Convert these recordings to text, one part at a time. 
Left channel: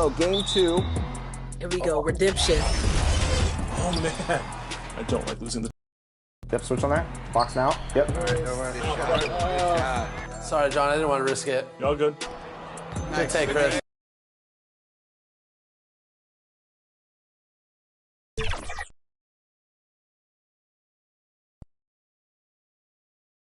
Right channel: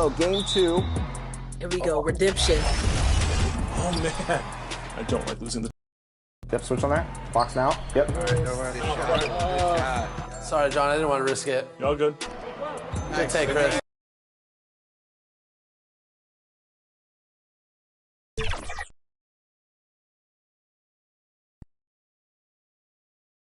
go, game 2. Here we go, redemption. Oh, man. I don't like losing the... Yep, switch on there. Box now. Yep. Sorry, John, I didn't want to risk it. Y'all good? Good take, Chris.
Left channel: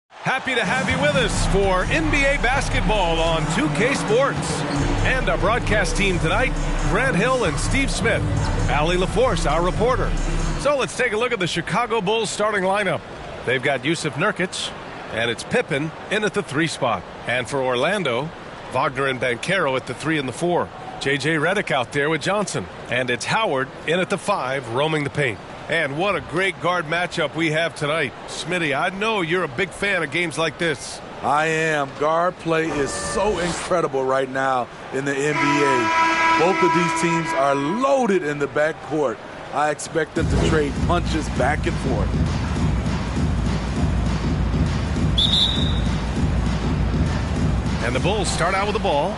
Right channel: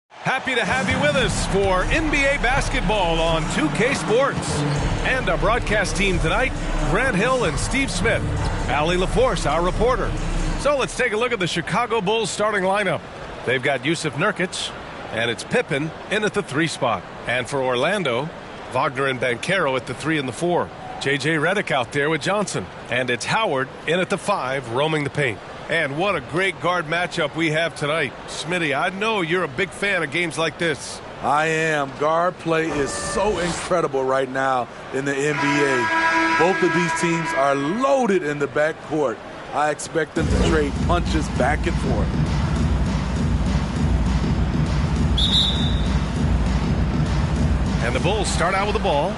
Happy to have you with us for NBA basketball on 2K Sports. And our broadcast team tonight, Grant Hill and Steve Smith. Allie LaForce, our reporter. So let's take a look at the Chicago Bulls starting lineup. They've got Yusuf Nurkic, and it's Pippen in at the 3 spot. And for Orlando, Wagner and Banchero at the 3 and the 4. J.J. Redick out there with Johnson. And it's Howard in at the 5, roaming the paint. And what a great guard matchup we have tonight. Smitty, I know you're a big fan of games like this. I am. Guard play is so incredible right now in the NBA. Both of these teams are loaded in the backcourt. I expect them to trade punches back and forth. And the Bulls start out with the ball.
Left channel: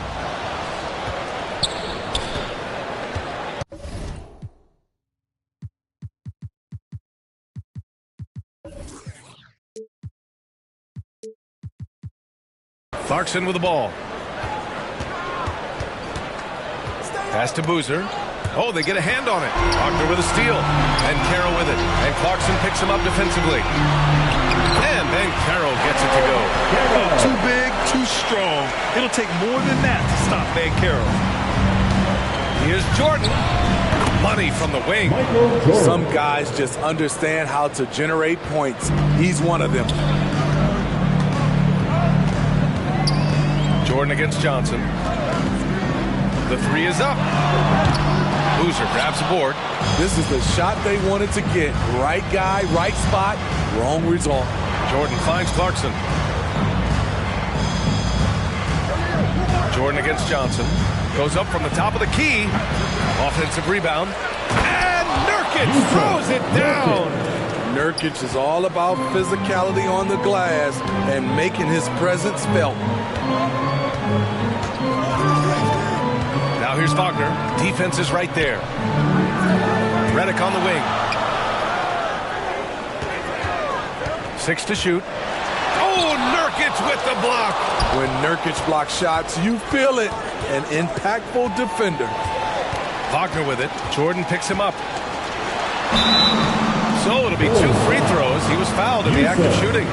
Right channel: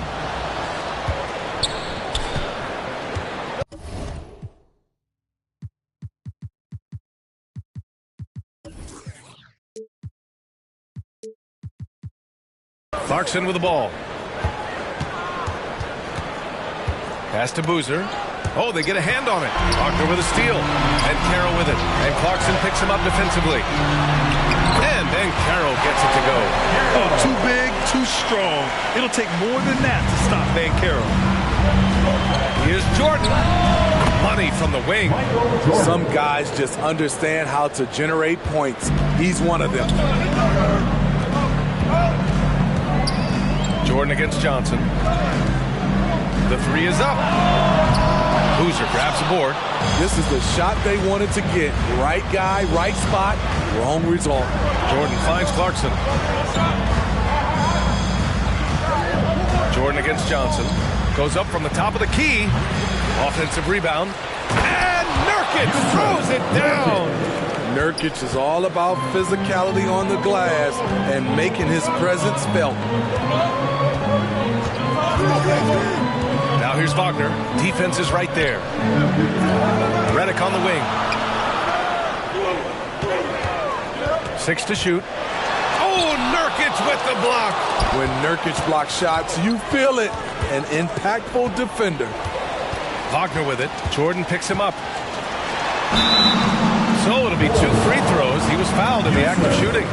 Clarkson with the ball. Pass to Boozer. Oh, they get a hand on it. Wagner with a steal. And Carroll with it. And Clarkson picks him up defensively. And then Carroll gets it to go. Oh, too big, too strong. It'll take more than that to stop Banchero. Here's Jordan. Money from the wing. Some guys just understand how to generate points. He's one of them. Jordan against Johnson. The 3 is up. Boozer grabs the board. This is the shot they wanted to get. Right guy, right spot, wrong result. Jordan finds Clarkson. Jordan against Johnson. Goes up from the top of the key. Offensive rebound. And Nurkic throws it down. Nurkic is all about physicality on the glass and making his presence felt. Now here's Wagner. Defense is right there. Redick on the wing. 6 to shoot. Oh, Nurkic with the block. When Nurkic blocks shots, you feel it. An impactful defender. Wagner with it. Jordan picks him up. So it'll be 2 free throws. He was fouled in the act of shooting.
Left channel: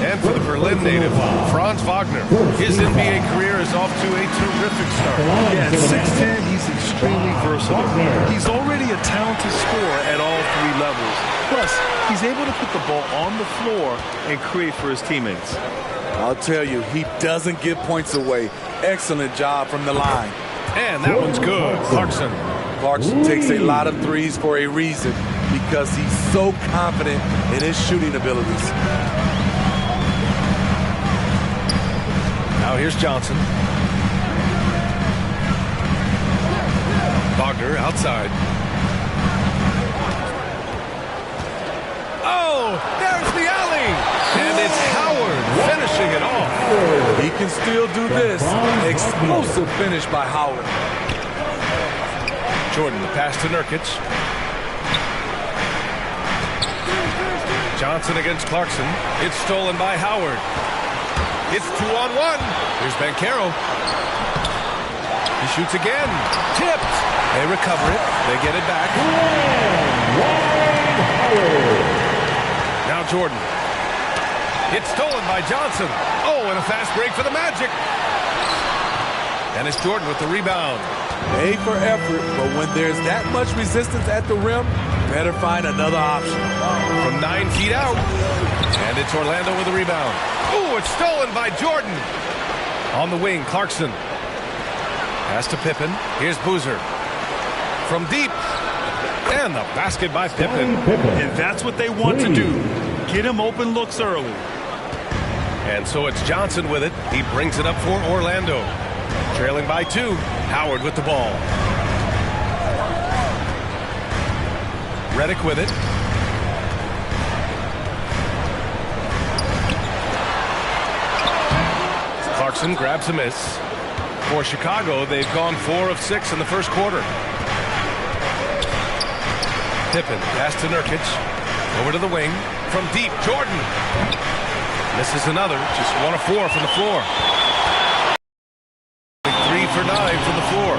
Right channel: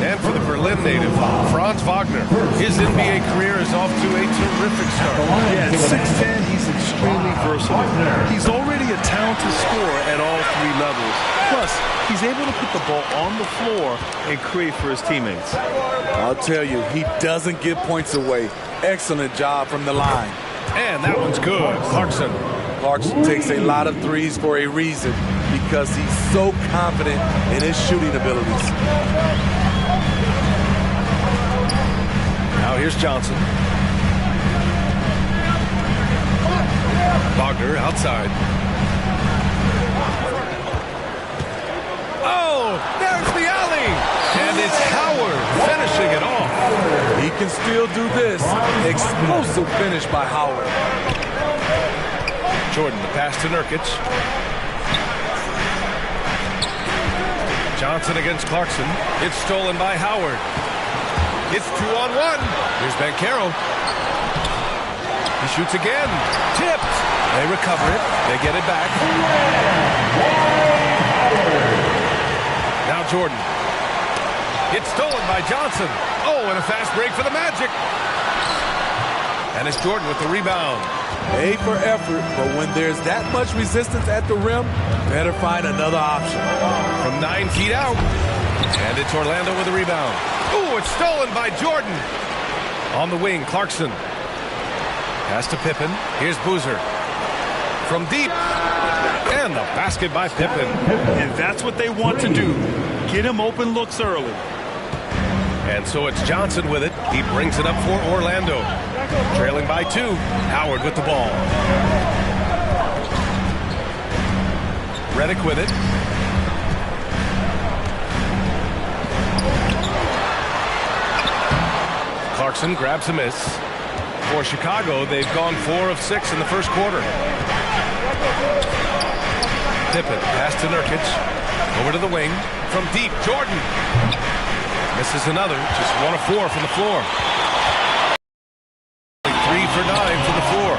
And for the Berlin native, Franz Wagner. His NBA career is off to a terrific start. Yeah, at 6'10", he's extremely versatile. He's already a talented scorer at all 3 levels. Plus, he's able to put the ball on the floor and create for his teammates. I'll tell you, he doesn't give points away. Excellent job from the line. And that one's good. Clarkson. Clarkson takes a lot of 3s for a reason, because he's so confident in his shooting abilities. Now here's Johnson. Wagner outside. Oh, there's the alley. And it's Howard finishing it off. He can still do this. Explosive finish by Howard. Jordan, the pass to Nurkic. Johnson against Clarkson. It's stolen by Howard. It's 2-on-1. Here's Banchero. He shoots again. Tipped. They recover it. They get it back. Now Jordan. It's stolen by Johnson. Oh, and a fast break for the Magic. And it's Jordan with the rebound. A for effort, but when there's that much resistance at the rim, better find another option. From 9 feet out. And it's Orlando with the rebound. Ooh, it's stolen by Jordan. On the wing, Clarkson. Pass to Pippen. Here's Boozer. From deep. And the basket by Pippen. And that's what they want to do. Get him open looks early. And so it's Johnson with it. He brings it up for Orlando. Trailing by 2. Howard with the ball. Redick with it. Clarkson grabs a miss. For Chicago, they've gone 4 of 6 in the first quarter. Pippen, pass to Nurkic. Over to the wing. From deep, Jordan. Misses another. Just 1 of 4 from the floor. 3 for 9 from the floor.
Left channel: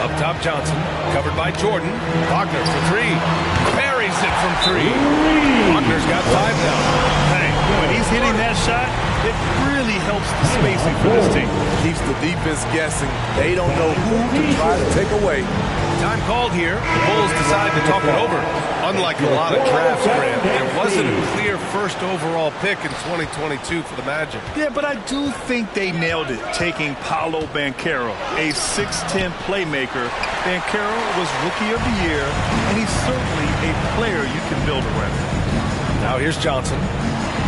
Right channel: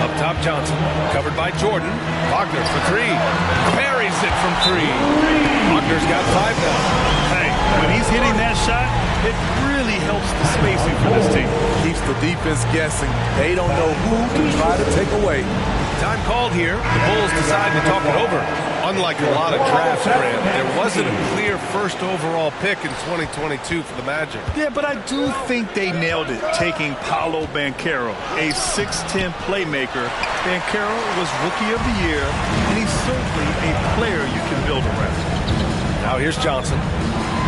Up top, Johnson. Covered by Jordan. Wagner for 3. Buries it from 3. Wagner's got 5 now. Hey, when he's hitting that shot, it really helps the spacing for this team. Keeps the defense guessing. They don't know who to try to take away. Time called here. The Bulls decide to talk it over. Unlike a lot of drafts, Grant, there wasn't a clear first overall pick in 2022 for the Magic. Yeah, but I do think they nailed it, taking Paolo Banchero, a 6'10 playmaker. Banchero was Rookie of the Year, and he's certainly a player you can build around. Now here's Johnson.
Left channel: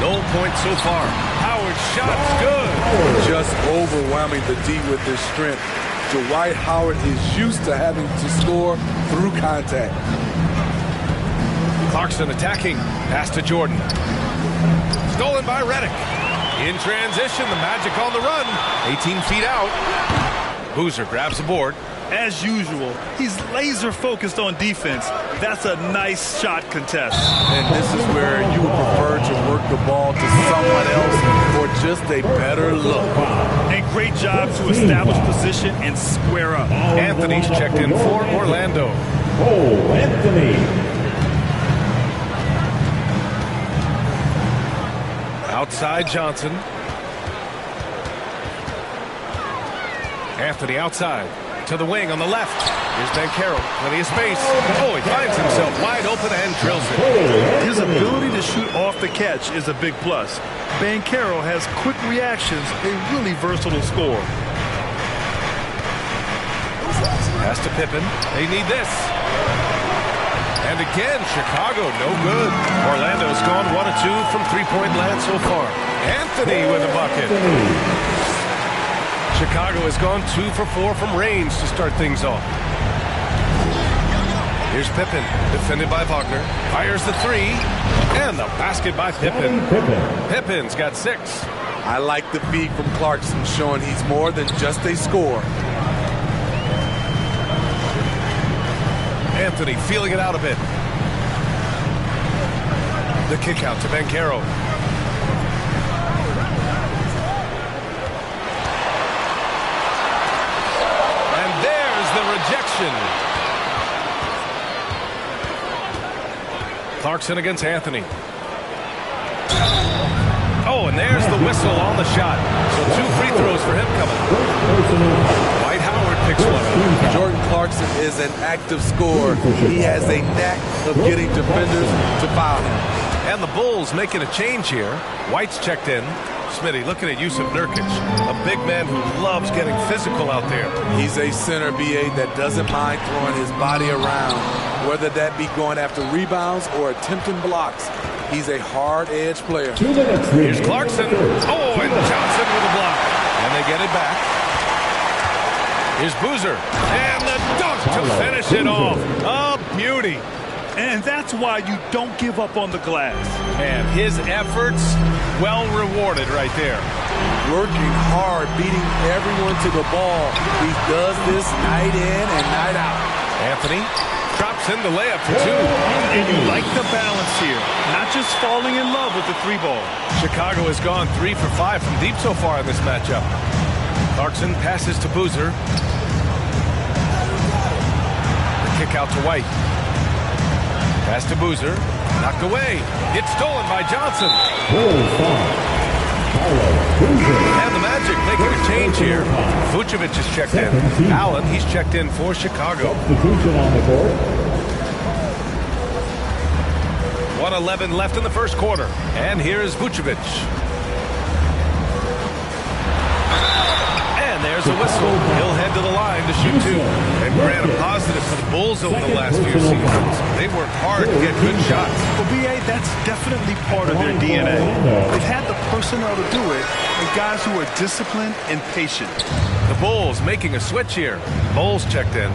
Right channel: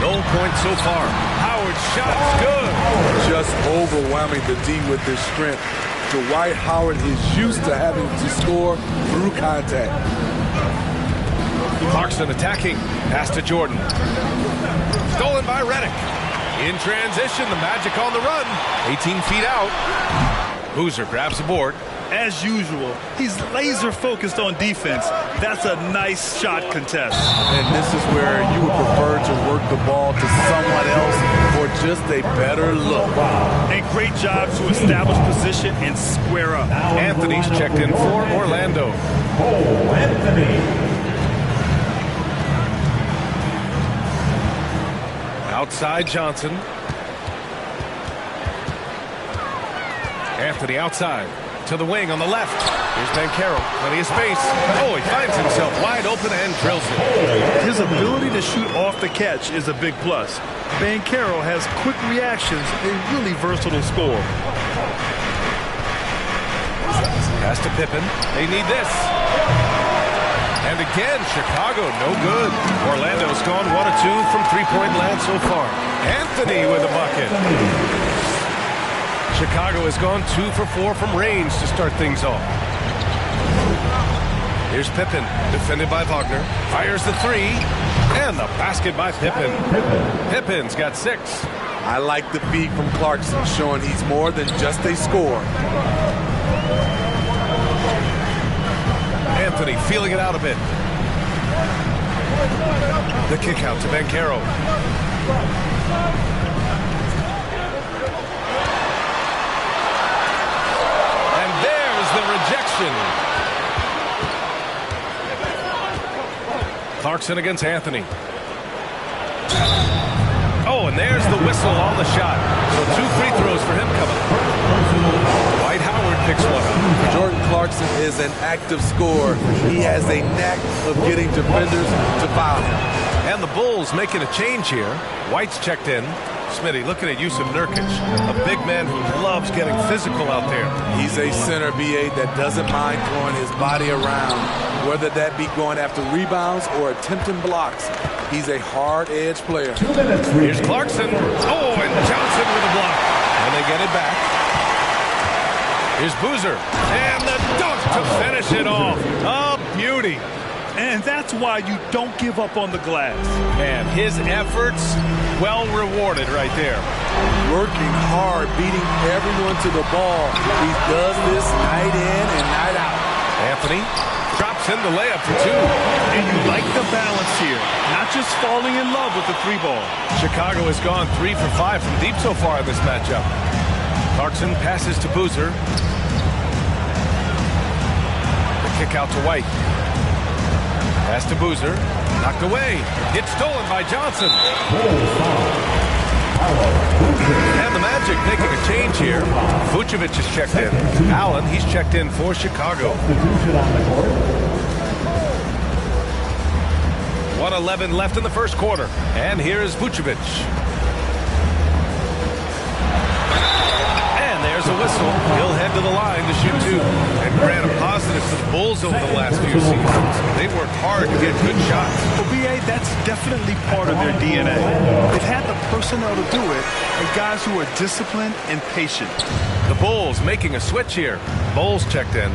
No points so far. Howard's shot's good. Just overwhelming the D with his strength. Dwight Howard is used to having to score through contact. Clarkson attacking. Pass to Jordan. Stolen by Redick. In transition, the Magic on the run. 18 feet out. Boozer grabs the board. As usual, he's laser focused on defense. That's a nice shot contest. And this is where you would prefer to work the ball to someone else for just a better look. And great job to establish position and square up. Anthony's checked in for Orlando. Oh, Anthony. Outside Johnson. Anthony outside. To the wing on the left. Here's Banchero. Plenty of space. Oh, he finds himself wide open and drills it. His ability to shoot off the catch is a big plus. Banchero has quick reactions, a really versatile scorer. Pass to Pippen. They need this. And again, Chicago, no good. Orlando's gone 1 of 2 from three-point land so far. Anthony with a bucket. Chicago has gone 2 for 4 from range to start things off. Here's Pippen, defended by Wagner. Fires the 3, and the basket by Pippen. Pippen's got 6. I like the feed from Clarkson, showing he's more than just a scorer. Anthony feeling it out a bit. The kick out to Banchero. And there's the rejection. Clarkson against Anthony. Oh, and there's the whistle on the shot. So 2 free throws for him coming up. Dwight Howard picks one up. Jordan Clarkson is an active scorer. He has a knack of getting defenders to foul him. And the Bulls making a change here. White's checked in. Smitty looking at Yusuf Nurkic, a big man who loves getting physical out there. He's a center, BA, that doesn't mind throwing his body around, whether that be going after rebounds or attempting blocks. He's a hard-edge player. 2 minutes. Here's Clarkson. Oh, and Johnson with a block. And they get it back. Here's Boozer. And the dunk to finish it off. A beauty. And that's why you don't give up on the glass. Man, his efforts well rewarded right there. Working hard, beating everyone to the ball. He does this night in and night out. Anthony drops in the layup for 2. And you like the balance here, not just falling in love with the 3-ball. Chicago has gone 3 for 5 from deep so far in this matchup. Clarkson passes to Boozer. The kick out to White. Pass to Boozer. Knocked away. It's stolen by Johnson. And the Magic making a change here. Vucevic is checked in. Allen, he's checked in for Chicago. 1:11 left in the first quarter. And here is Vucevic. And there's a whistle. He'll head to the line to shoot 2. And Grant, a positive for the Bulls over the last few seasons. They worked hard to get good shots. For BA, that's definitely part of their DNA. They've had the personnel to do it, and guys who are disciplined and patient. The Bulls making a switch here. Bulls checked in.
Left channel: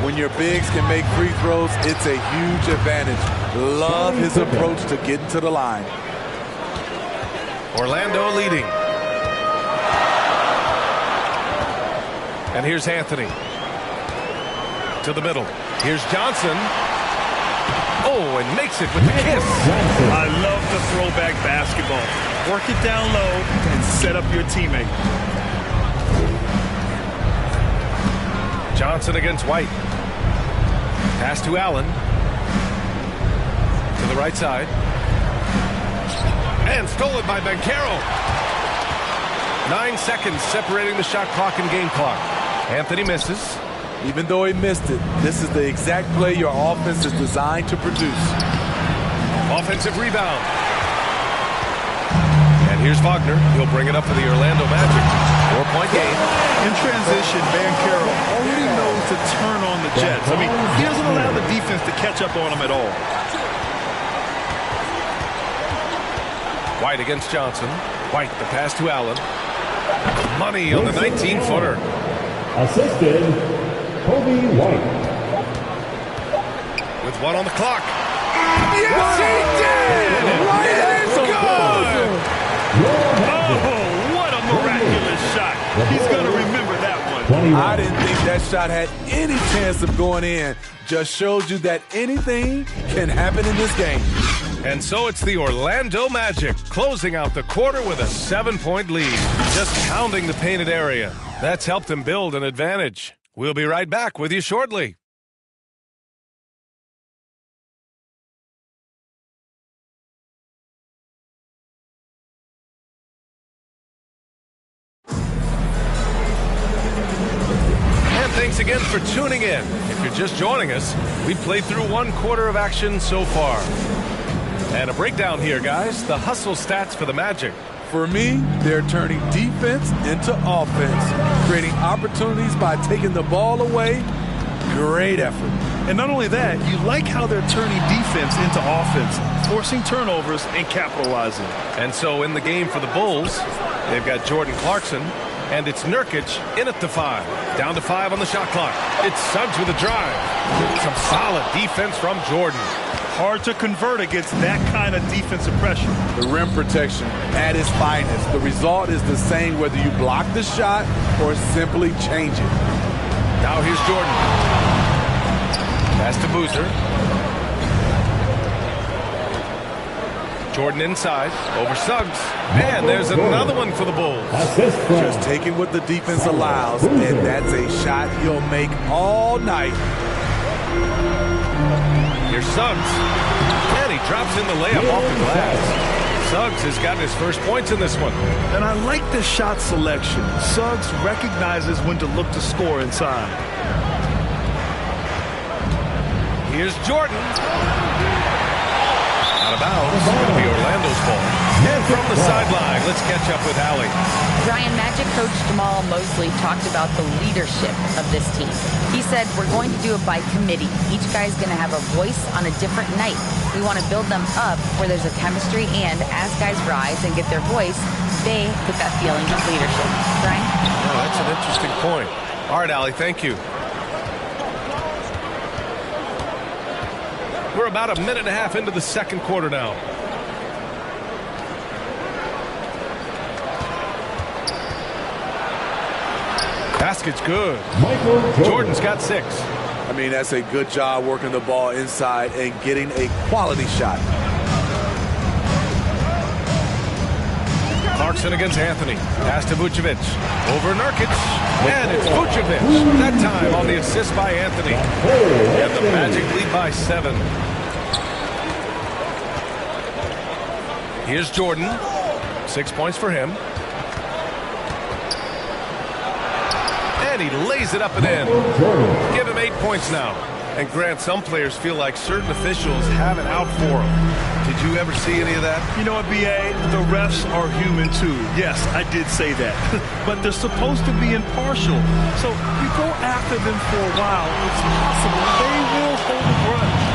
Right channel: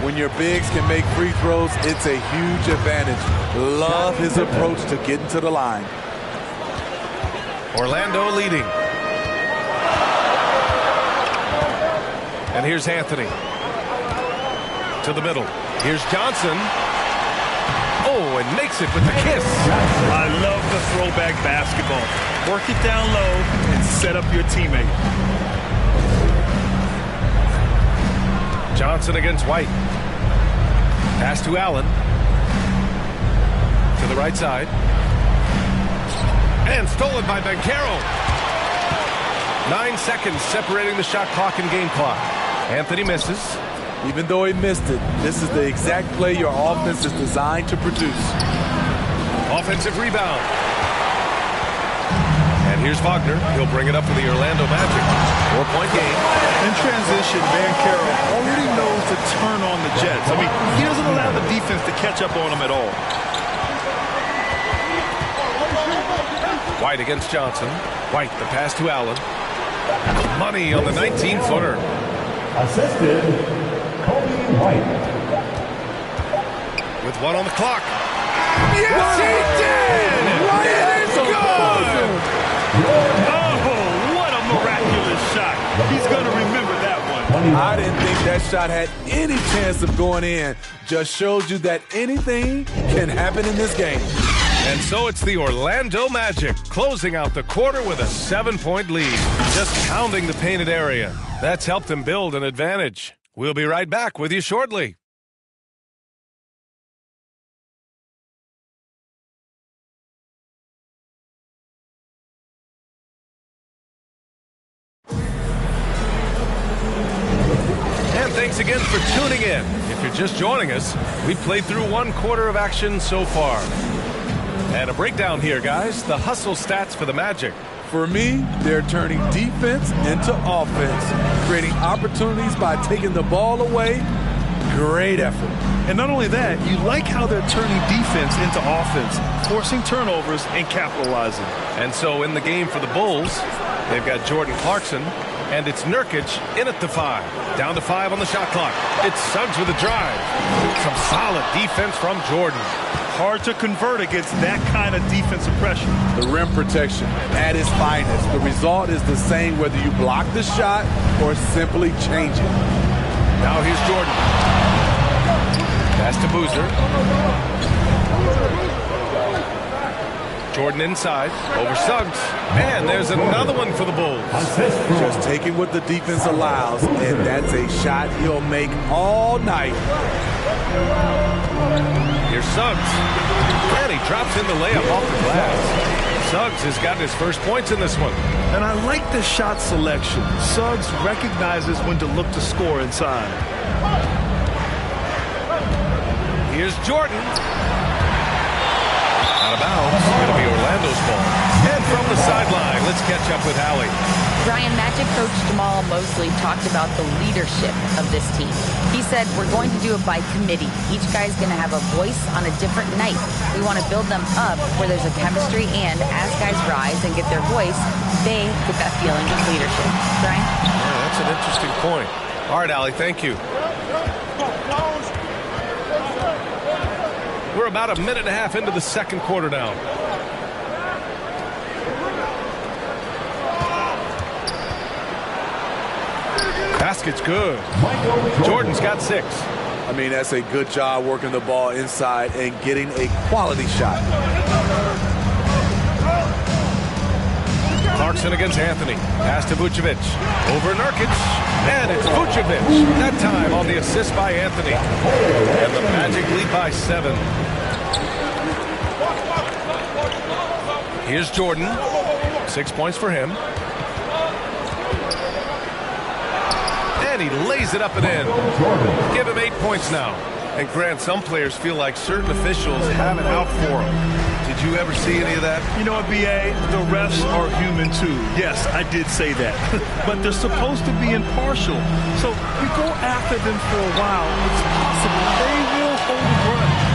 When your bigs can make free throws, it's a huge advantage. Love his approach to getting to the line. Orlando leading. And here's Anthony. To the middle. Here's Johnson. Oh, and makes it with the kiss. I love the throwback basketball. Work it down low and set up your teammate. Johnson against White. Pass to Allen. To the right side. And stolen by Banchero. 9 seconds separating the shot clock and game clock. Anthony misses. Even though he missed it, this is the exact play your offense is designed to produce. Offensive rebound. And here's Wagner. He'll bring it up for the Orlando Magic. 4-point game. In transition, Banchero already knows to turn on the Jets. I mean, he doesn't allow the defense to catch up on him at all. White against Johnson. White, the pass to Allen. Money on the 19-footer. Assisted, Kobe White. With 1 on the clock. Yes, he did! It is good! Oh, what a miraculous shot. He's going to remember that one. I didn't think that shot had any chance of going in. Just shows you that anything can happen in this game. And so it's the Orlando Magic closing out the quarter with a 7-point lead. Just pounding the painted area. That's helped them build an advantage. We'll be right back with you shortly. And thanks again for tuning in. If you're just joining us, we've played through 1 quarter of action so far. And a breakdown here, guys. The hustle stats for the Magic. For me, they're turning defense into offense, creating opportunities by taking the ball away. Great effort. And not only that, you like how they're turning defense into offense, forcing turnovers and capitalizing. And so in the game for the Bulls, they've got Jordan Clarkson, and it's Nurkic in at the 5. Down to 5 on the shot clock. It's Suggs with a drive. Some solid defense from Jordan. Hard to convert against that kind of defensive pressure. The rim protection at its finest. The result is the same whether you block the shot or simply change it. Now here's Jordan. Pass to Boozer. Jordan inside, over Suggs. And there's another one for the Bulls. Just taking what the defense allows, and that's a shot he'll make all night. Here's Suggs. And he drops in the layup off the glass. Suggs has got his first points in this one. And I like the shot selection. Suggs recognizes when to look to score inside. Here's Jordan. Out of bounds. It's going to be Orlando's ball. And from the sideline, let's catch up with Allie. Brian, Magic coach Jamal Mosley talked about the leadership of this team. He said, we're going to do it by committee. Each guy's going to have a voice on a different night. We want to build them up where there's a chemistry, and as guys rise and get their voice, they get that feeling of leadership. Brian? Yeah, that's an interesting point. All right, Allie, thank you. We're about a minute and a half into the second quarter now. Basket's good. Jordan's got 6. I mean, that's a good job working the ball inside and getting a quality shot. Clarkson against Anthony. Pass to Vucevic. Over Nurkic. And it's Vucevic. That time on the assist by Anthony. And the Magic lead by 7. Here's Jordan. 6 points for him. And he lays it up and in. Give him 8 points now. And Grant, some players feel like certain officials have it out for them. Did you ever see any of that? You know what, B.A.? The refs are human too. Yes, I did say that. But they're supposed to be impartial. So you go after them for a while, it's possible they will hold a grudge.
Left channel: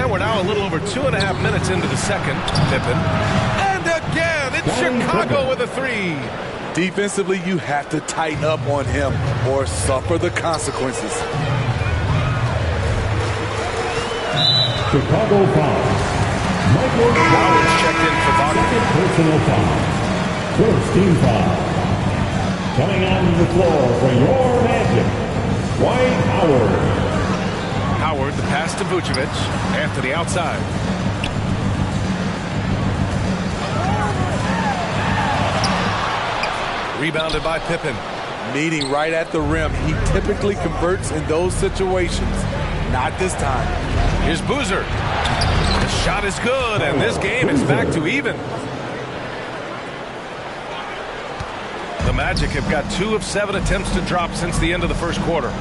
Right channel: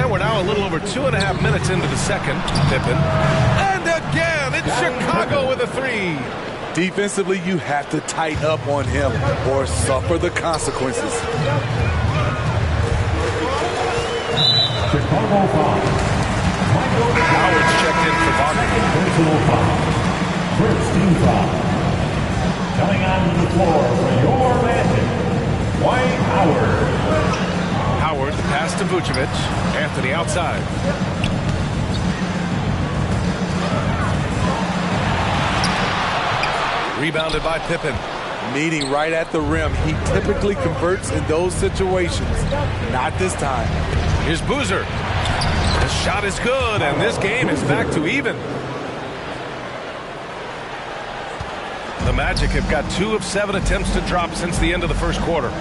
And we're now a little over 2.5 minutes into the second. Pippen. And again, it's Chicago with a 3. Defensively, you have to tighten up on him or suffer the consequences. Chicago foul. Howard's checked in for Wagner. Personal foul. First team foul. Coming on the floor for your Magic, Dwight Howard. Howard, the pass to Vucevic. Anthony outside. Rebounded by Pippen. Meeting right at the rim. He typically converts in those situations. Not this time. Here's Boozer. The shot is good, and this game is back to even. The Magic have got 2 of 7 attempts to drop since the end of the first quarter.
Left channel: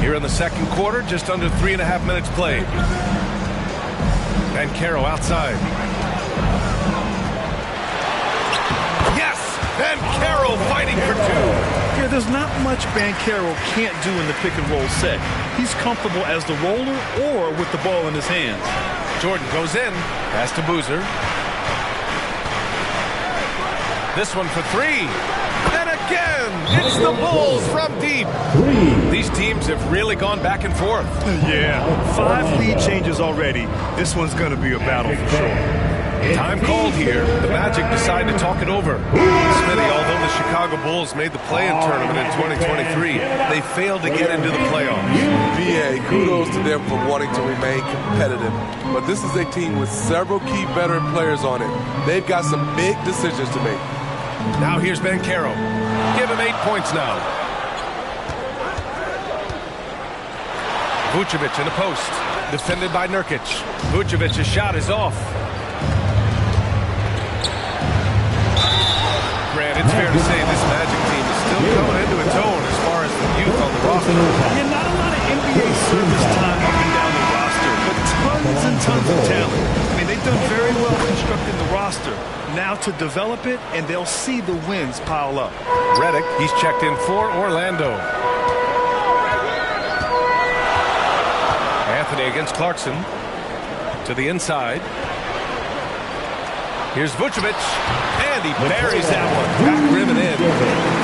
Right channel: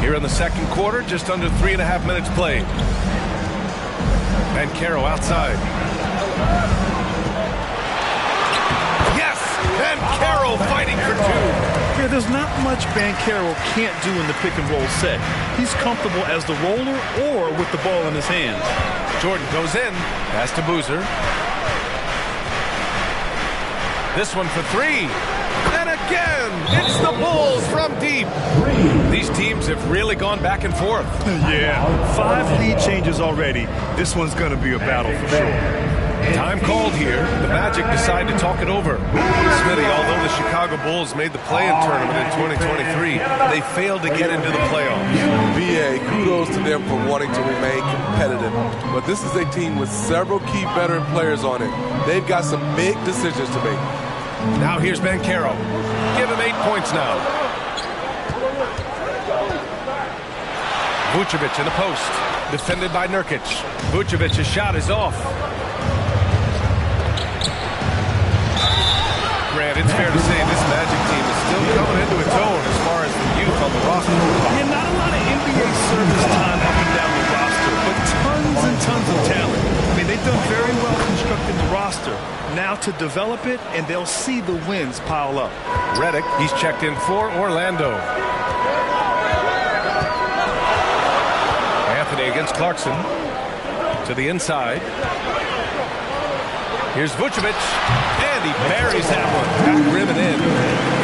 Here in the second quarter, just under 3.5 minutes played. And Caro outside. Yes! And Caro fighting for 2. Yeah, there's not much Banchero can't do in the pick and roll set. He's comfortable as the roller or with the ball in his hands. Jordan goes in. Pass to Boozer. This one for 3. And again, it's the Bulls from deep. 3. These teams have really gone back and forth. Yeah, 5 lead changes already. This one's going to be a battle for sure. Time called here. The Magic decide to talk it over. Smitty, although the Chicago Bulls made the play-in tournament in 2023, they failed to get into the playoffs. BA, kudos to them for wanting to remain competitive. But this is a team with several key veteran players on it. They've got some big decisions to make. Now here's Banchero. Give him 8 points now. Vucevic in the post. Defended by Nurkic. Vucevic's shot is off. Grant, it's fair to say this Magic team is still coming into its own as far as the youth on the roster. Yeah, not a lot of NBA service time up and down the roster, but tons and tons of talent. I mean, they've done very well constructing the roster. Now to develop it, and they'll see the wins pile up. Redick, he's checked in for Orlando. Anthony against Clarkson. To the inside. Here's Vucevic, and he buries that one. Back rim and in.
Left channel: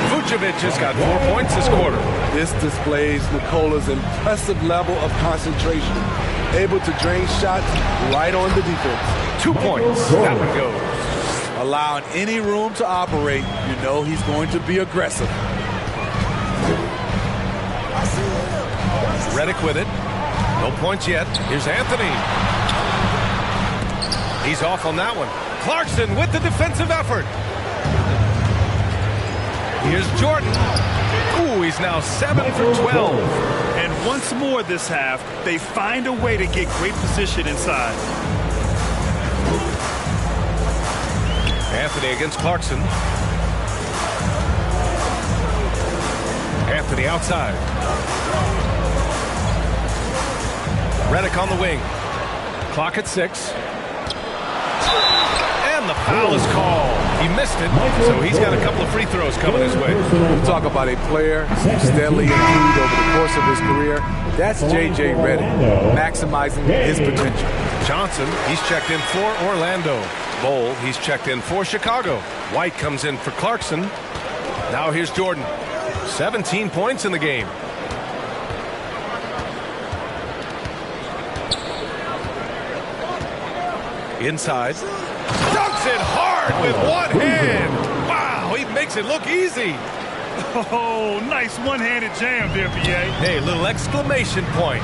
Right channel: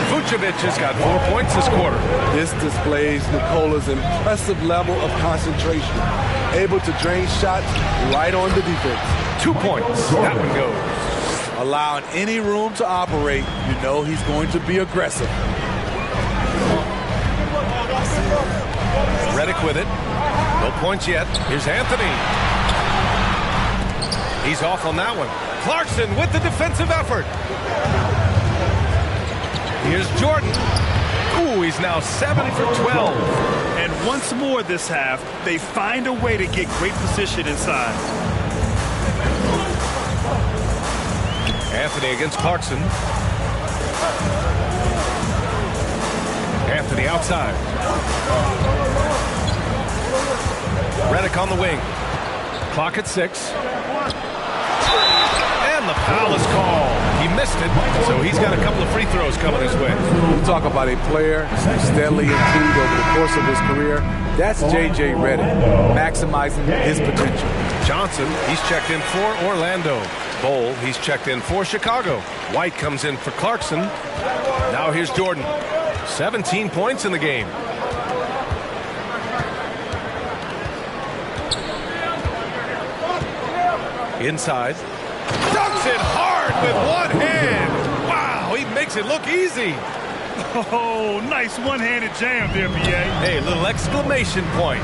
Vucevic has got 4 points this quarter. This displays Nikola's impressive level of concentration. Able to drain shots right on the defense. 2 points. That one goes. Allowing any room to operate, you know he's going to be aggressive. Redick with it. No points yet. Here's Anthony. He's off on that one. Clarkson with the defensive effort. Here's Jordan. Ooh, he's now 7 for 12. And once more this half, they find a way to get great position inside. Anthony against Clarkson. Anthony outside. Redick on the wing. Clock at 6. And the foul is called. He missed it, so he's got a couple of free throws coming his way. You talk about a player who steadily improved over the course of his career. That's J.J. Redick, maximizing his potential. Johnson, he's checked in for Orlando. Bowl, he's checked in for Chicago. White comes in for Clarkson. Now here's Jordan. 17 points in the game. Inside. Dunks it hard with one hand. Wow, he makes it look easy. Oh, nice one-handed jam there, B.A. Hey, little exclamation point.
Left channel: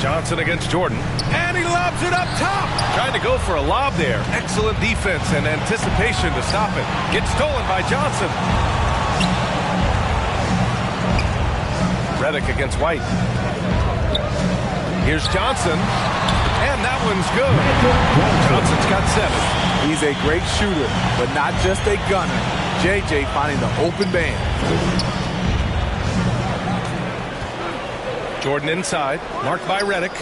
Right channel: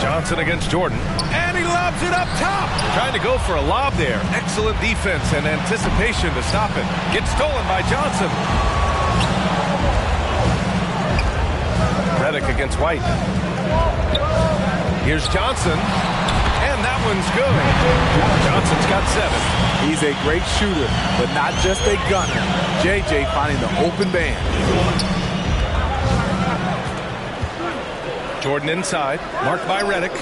Johnson against Jordan. And he lobs it up top. Trying to go for a lob there. Excellent defense and anticipation to stop it. Gets stolen by Johnson. Redick against White. Here's Johnson. And that one's good. Johnson's got 7. He's a great shooter, but not just a gunner. J.J. finding the open man. Jordan inside, marked by Redick.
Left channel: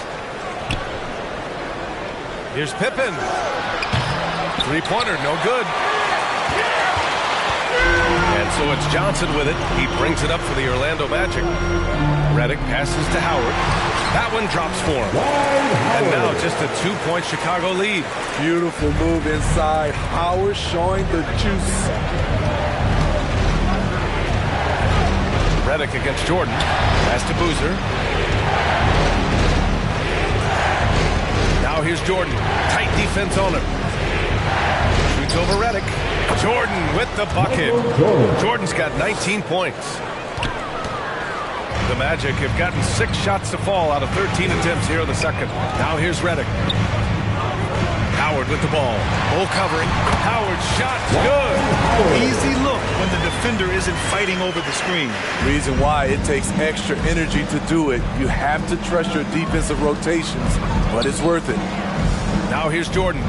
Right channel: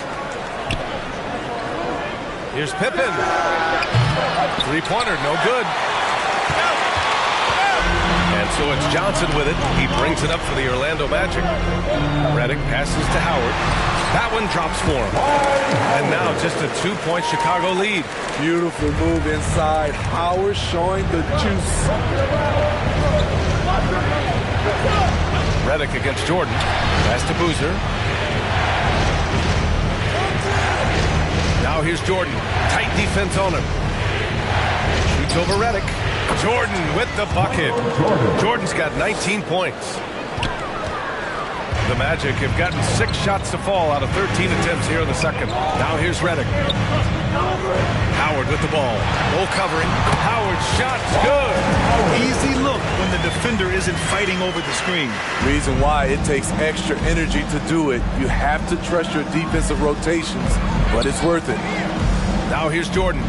Here's Pippen. Three-pointer, no good. And so it's Johnson with it. He brings it up for the Orlando Magic. Redick passes to Howard. That one drops for him. And now just a 2-point Chicago lead. Beautiful move inside. Howard showing the juice. Redick against Jordan. Pass to Boozer. Now here's Jordan. Tight defense on him. Shoots over Redick. Jordan with the bucket. Jordan's got 19 points. The Magic have gotten 6 shots to fall out of 13 attempts here in the second. Now here's Redick. Howard with the ball. Bull covering. Howard's shot's good. Easy look when the defender isn't fighting over the screen. Reason why it takes extra energy to do it. You have to trust your defensive rotations, but it's worth it. Now here's Jordan.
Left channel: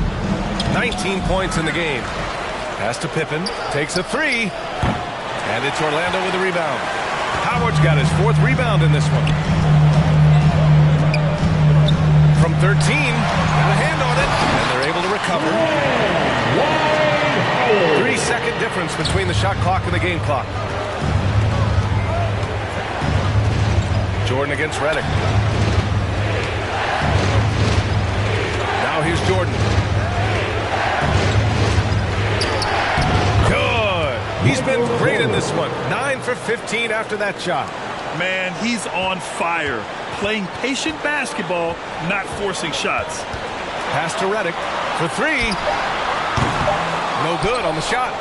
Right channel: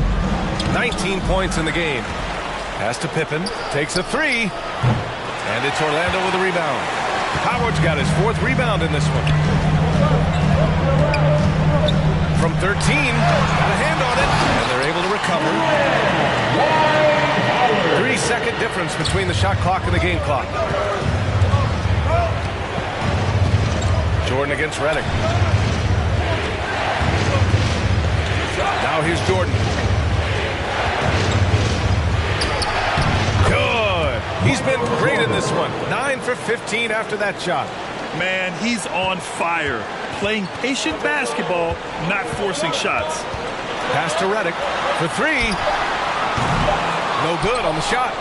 19 points in the game. Pass to Pippen. Takes a 3. And it's Orlando with a rebound. Howard's got his 4th rebound in this one. From 13, got a hand on it, and they're able to recover. 3-second difference between the shot clock and the game clock. Jordan against Redick. Now here's Jordan. Good. He's been great in this one. 9 for 15 after that shot. Man, he's on fire. Playing patient basketball, not forcing shots. Pass to Redick for 3. No good on the shot.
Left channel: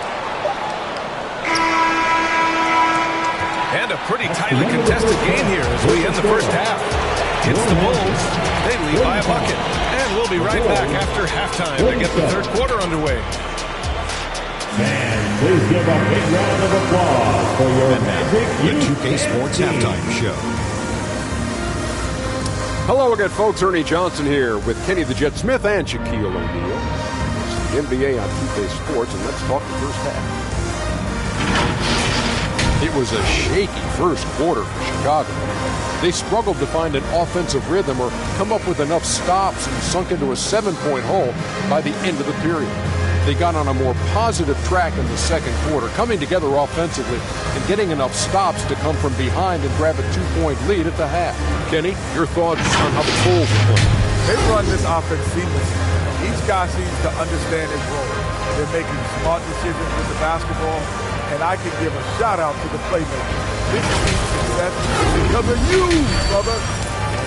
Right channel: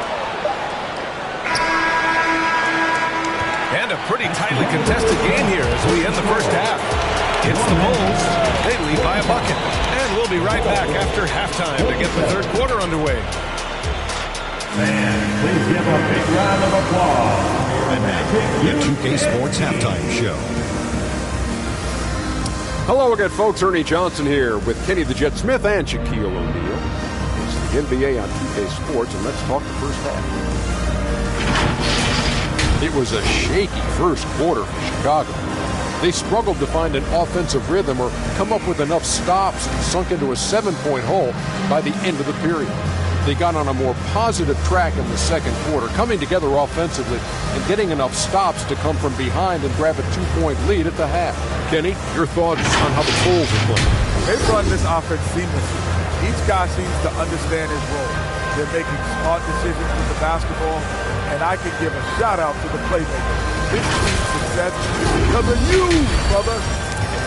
And a pretty tightly contested game here as we end the first half. It's the Bulls. They lead by a bucket. And we'll be right back after halftime to get the third quarter underway. And please give a big round of applause for your Magic the 2K Sports Halftime Show. Hello again, folks. Ernie Johnson here with Kenny the Jet Smith and Shaquille O'Neal. It's the NBA on 2K Sports, and let's talk the first half. It was a shaky first quarter for Chicago. They struggled to find an offensive rhythm or come up with enough stops and sunk into a 7-point hole by the end of the period. They got on a more positive track in the second quarter, coming together offensively and getting enough stops to come from behind and grab a 2-point lead at the half. Kenny, your thoughts on how the Bulls are playing? They run this offense seamlessly. Each guy seems to understand his role. They're making smart decisions with the basketball, and I can give a shout-out to the playmakers. This team's success is because of you, brother.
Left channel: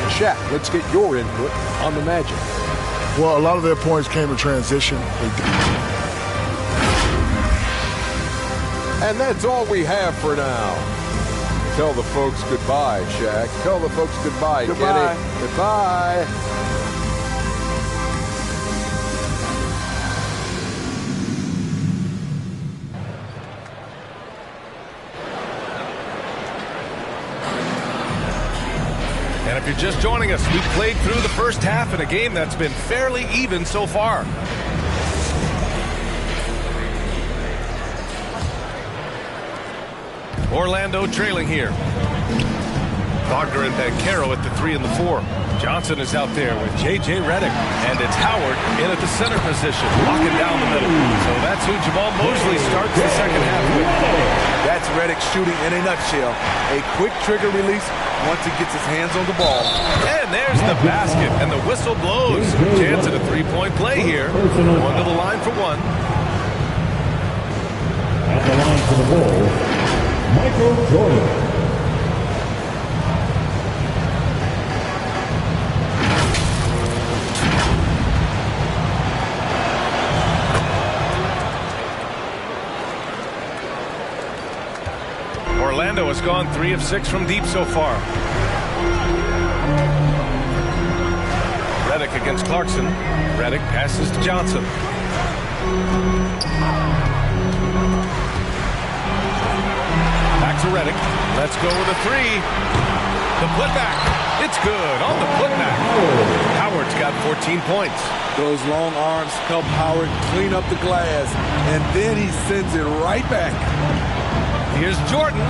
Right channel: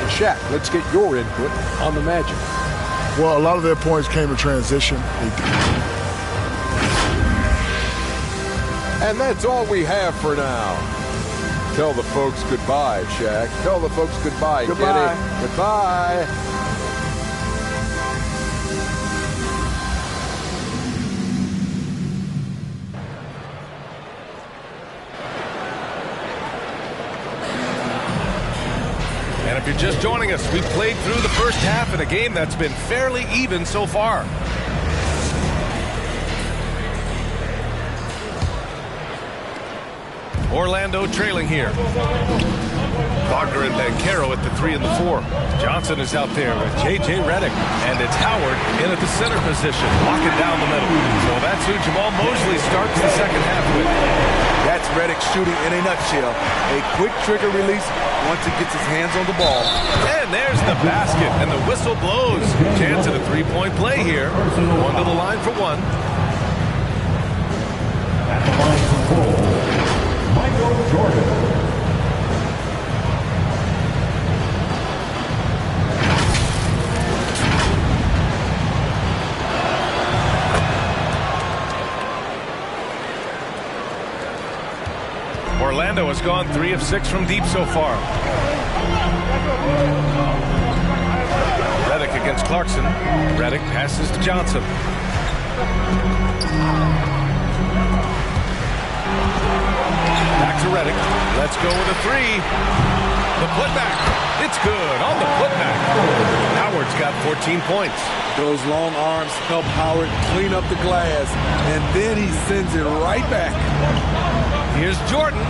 And Shaq, let's get your input on the Magic. Well, a lot of their points came in transition. And that's all we have for now. Tell the folks goodbye, Shaq. Tell the folks goodbye, Goodbye. Kenny. Goodbye. And if you're just joining us, we've played through the first half in a game that's been fairly even so far. Orlando trailing here. Wagner and Banchero at the 3 and the 4. Johnson is out there with J.J. Redick. And it's Howard in at the center position, locking down the middle. So that's who Jamal Mosley starts the second half with. That's Redick shooting in a nutshell. A quick trigger release once he gets his hands on the ball. And there's the basket, and the whistle blows. Chance at a 3-point play here. Going to the line for 1. At the line for the Bulls, Michael Jordan. Orlando has gone 3 of 6 from deep so far. Redick against Clarkson. Redick passes to Johnson. Back to Redick. Let's go with a 3. The putback. It's good on the putback. Howard's got 14 points. Those long arms help Howard clean up the glass, and then he sends it right back. Here's Jordan.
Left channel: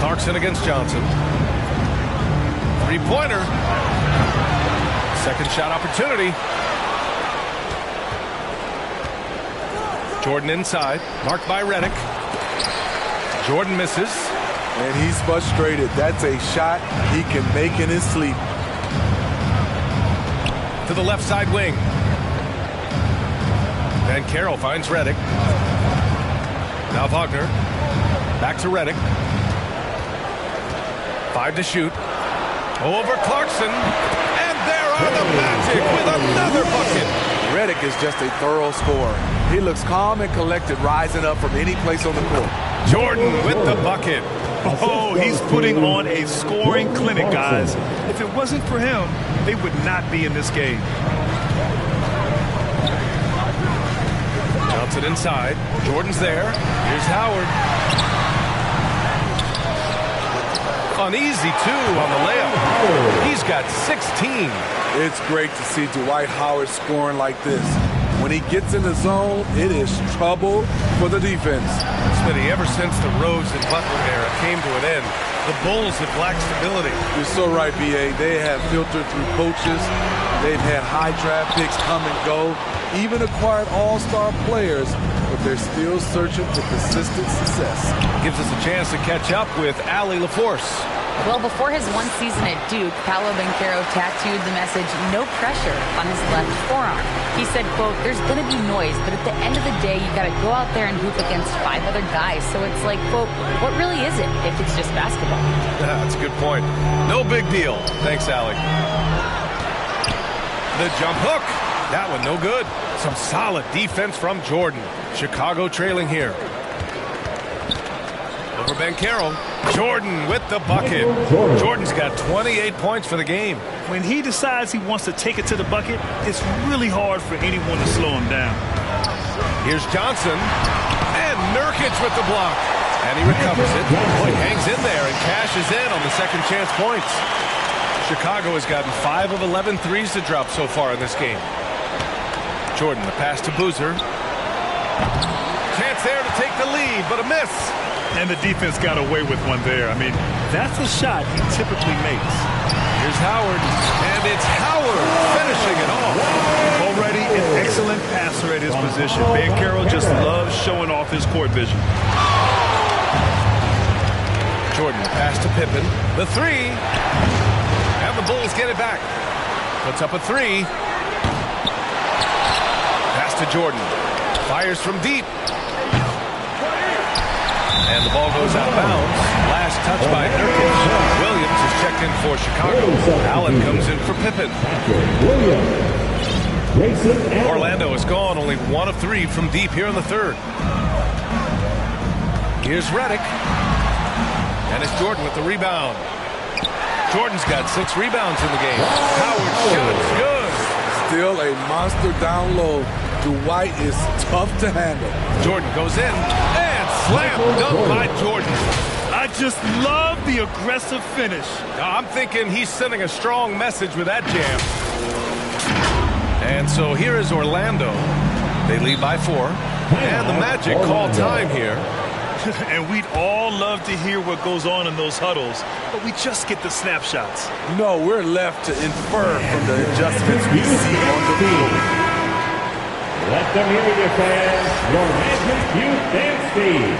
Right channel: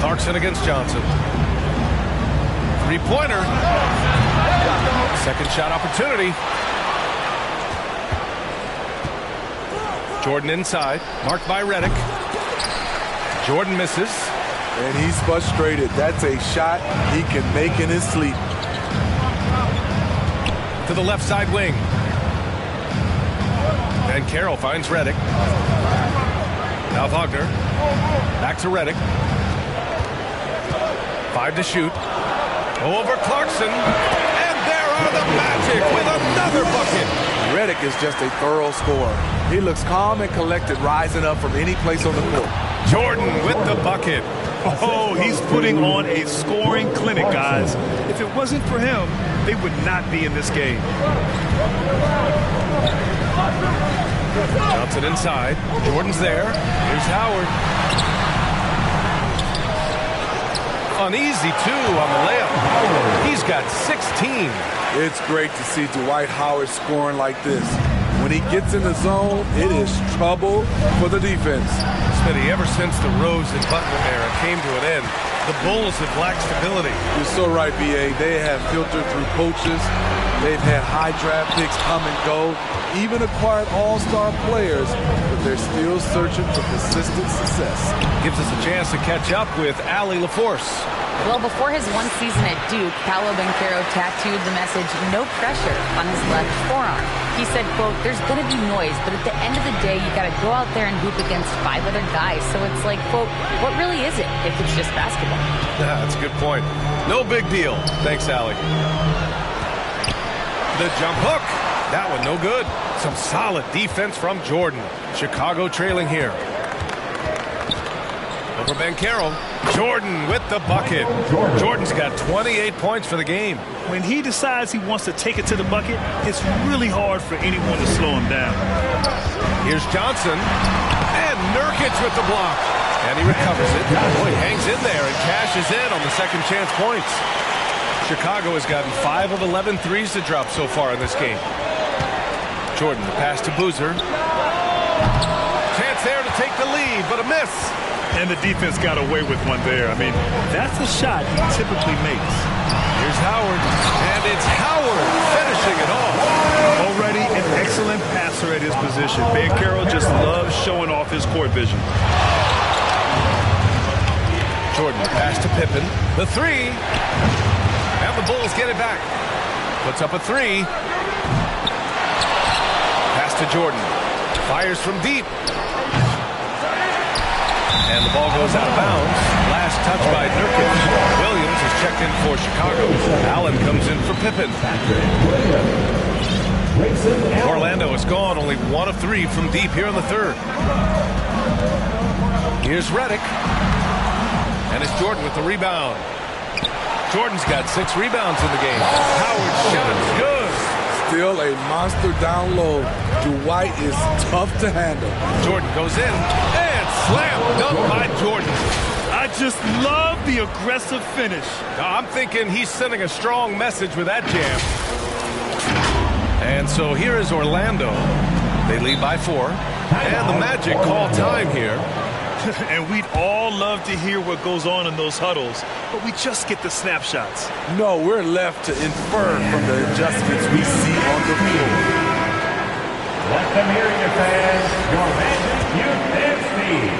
Clarkson against Johnson. 3-pointer. Second shot opportunity. Jordan inside. Marked by Redick. Jordan misses. And he's frustrated. That's a shot he can make in his sleep. To the left side wing. Banchero finds Redick. Now Wagner. Back to Redick. 5 to shoot. Over Clarkson. And there are the Magic with another bucket. Redick is just a thorough scorer. He looks calm and collected, rising up from any place on the court. Jordan with the bucket. Oh, he's putting on a scoring clinic, guys. If it wasn't for him, they would not be in this game. Johnson inside. Jordan's there. Here's Howard. Uneasy, too, on the layup. He's got 16. It's great to see Dwight Howard scoring like this. When he gets in the zone, it is trouble for the defense. Smitty, ever since the Rose and Butler era came to an end, the Bulls have lacked stability. You're so right, B.A. They have filtered through coaches. They've had high draft picks come and go, even acquired all-star players, but they're still searching for consistent success. Gives us a chance to catch up with Allie LaForce. Well, before his one season at Duke, Paolo Banchero tattooed the message, "No pressure," on his left forearm. He said, quote, "There's going to be noise, but at the end of the day, you got to go out there and hoop against 5 other guys. So it's like, quote, what really is it if it's just basketball?" That's a good point. No big deal. Thanks, Allie. The jump hook. That one no good. Some solid defense from Jordan. Chicago trailing here. Over Banchero. Jordan with the bucket. Jordan's got 28 points for the game. When he decides he wants to take it to the bucket, it's really hard for anyone to slow him down. Here's Johnson. And Nurkic with the block. And he recovers it. Boy, hangs in there and cashes in on the second chance points. Chicago has gotten 5 of 11 threes to drop so far in this game. Jordan, the pass to Boozer. Chance there to take the lead, but a miss. And the defense got away with one there. I mean, that's a shot he typically makes. Here's Howard. And it's Howard finishing it off. Already an excellent passer at his position. Banchero just loves showing off his court vision. Jordan, the pass to Pippen. The three. And the Bulls get it back. Puts up a three. Pass to Jordan. Fires from deep. And the ball goes out of bounds. Last touch by Nurkic. Williams is checked in for Chicago. Allen comes in for Pippen. Orlando is gone. Only 1 of 3 from deep here in the third. Here's Redick. And it's Jordan with the rebound. Jordan's got 6 rebounds in the game. Howard's shot's good. Still a monster down low. Dwight is tough to handle. Jordan goes in and slam dunk by Jordan. I just love the aggressive finish. I'm thinking he's sending a strong message with that jam. And so here is Orlando. They lead by 4. And the Magic call time here. And we'd all love to hear what goes on in those huddles, but we just get the snapshots. No, we're left to infer from the adjustments we see on the field. Let them hear you, fans. Your Magic Youth Dance Team.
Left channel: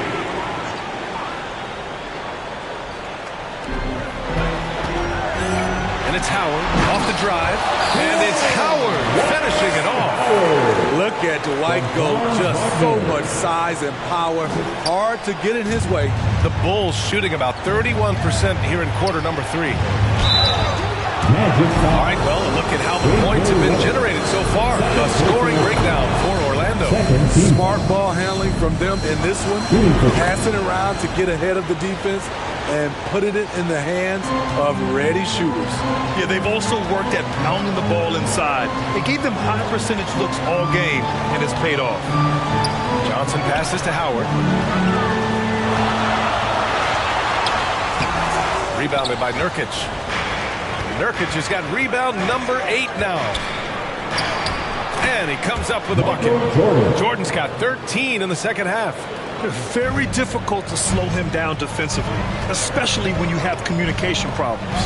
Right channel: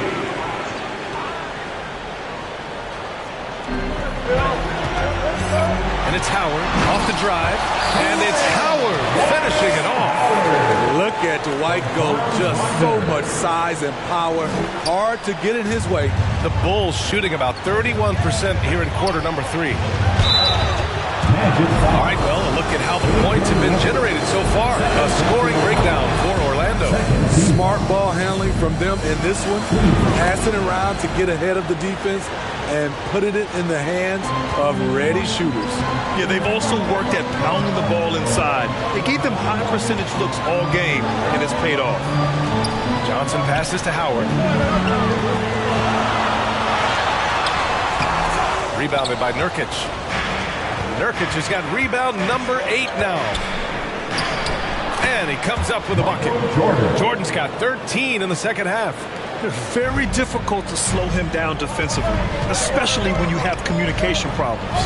And it's Howard off the drive. And it's Howard finishing it off. Look at Dwight go. Just so much size and power. Hard to get in his way. The Bulls shooting about 31% here in quarter number 3. All right, well, a look at how the points have been generated so far. A scoring breakdown for Orlando. Smart ball handling from them in this one. Passing around to get ahead of the defense and putting it in the hands of ready shooters. Yeah, they've also worked at pounding the ball inside. It gave them high percentage looks all game, and it's paid off. Johnson passes to Howard. Rebounded by Nurkic. Nurkic has got rebound number 8 now. And he comes up with a bucket. Jordan's got 13 in the second half. Very difficult to slow him down defensively, especially when you have communication problems.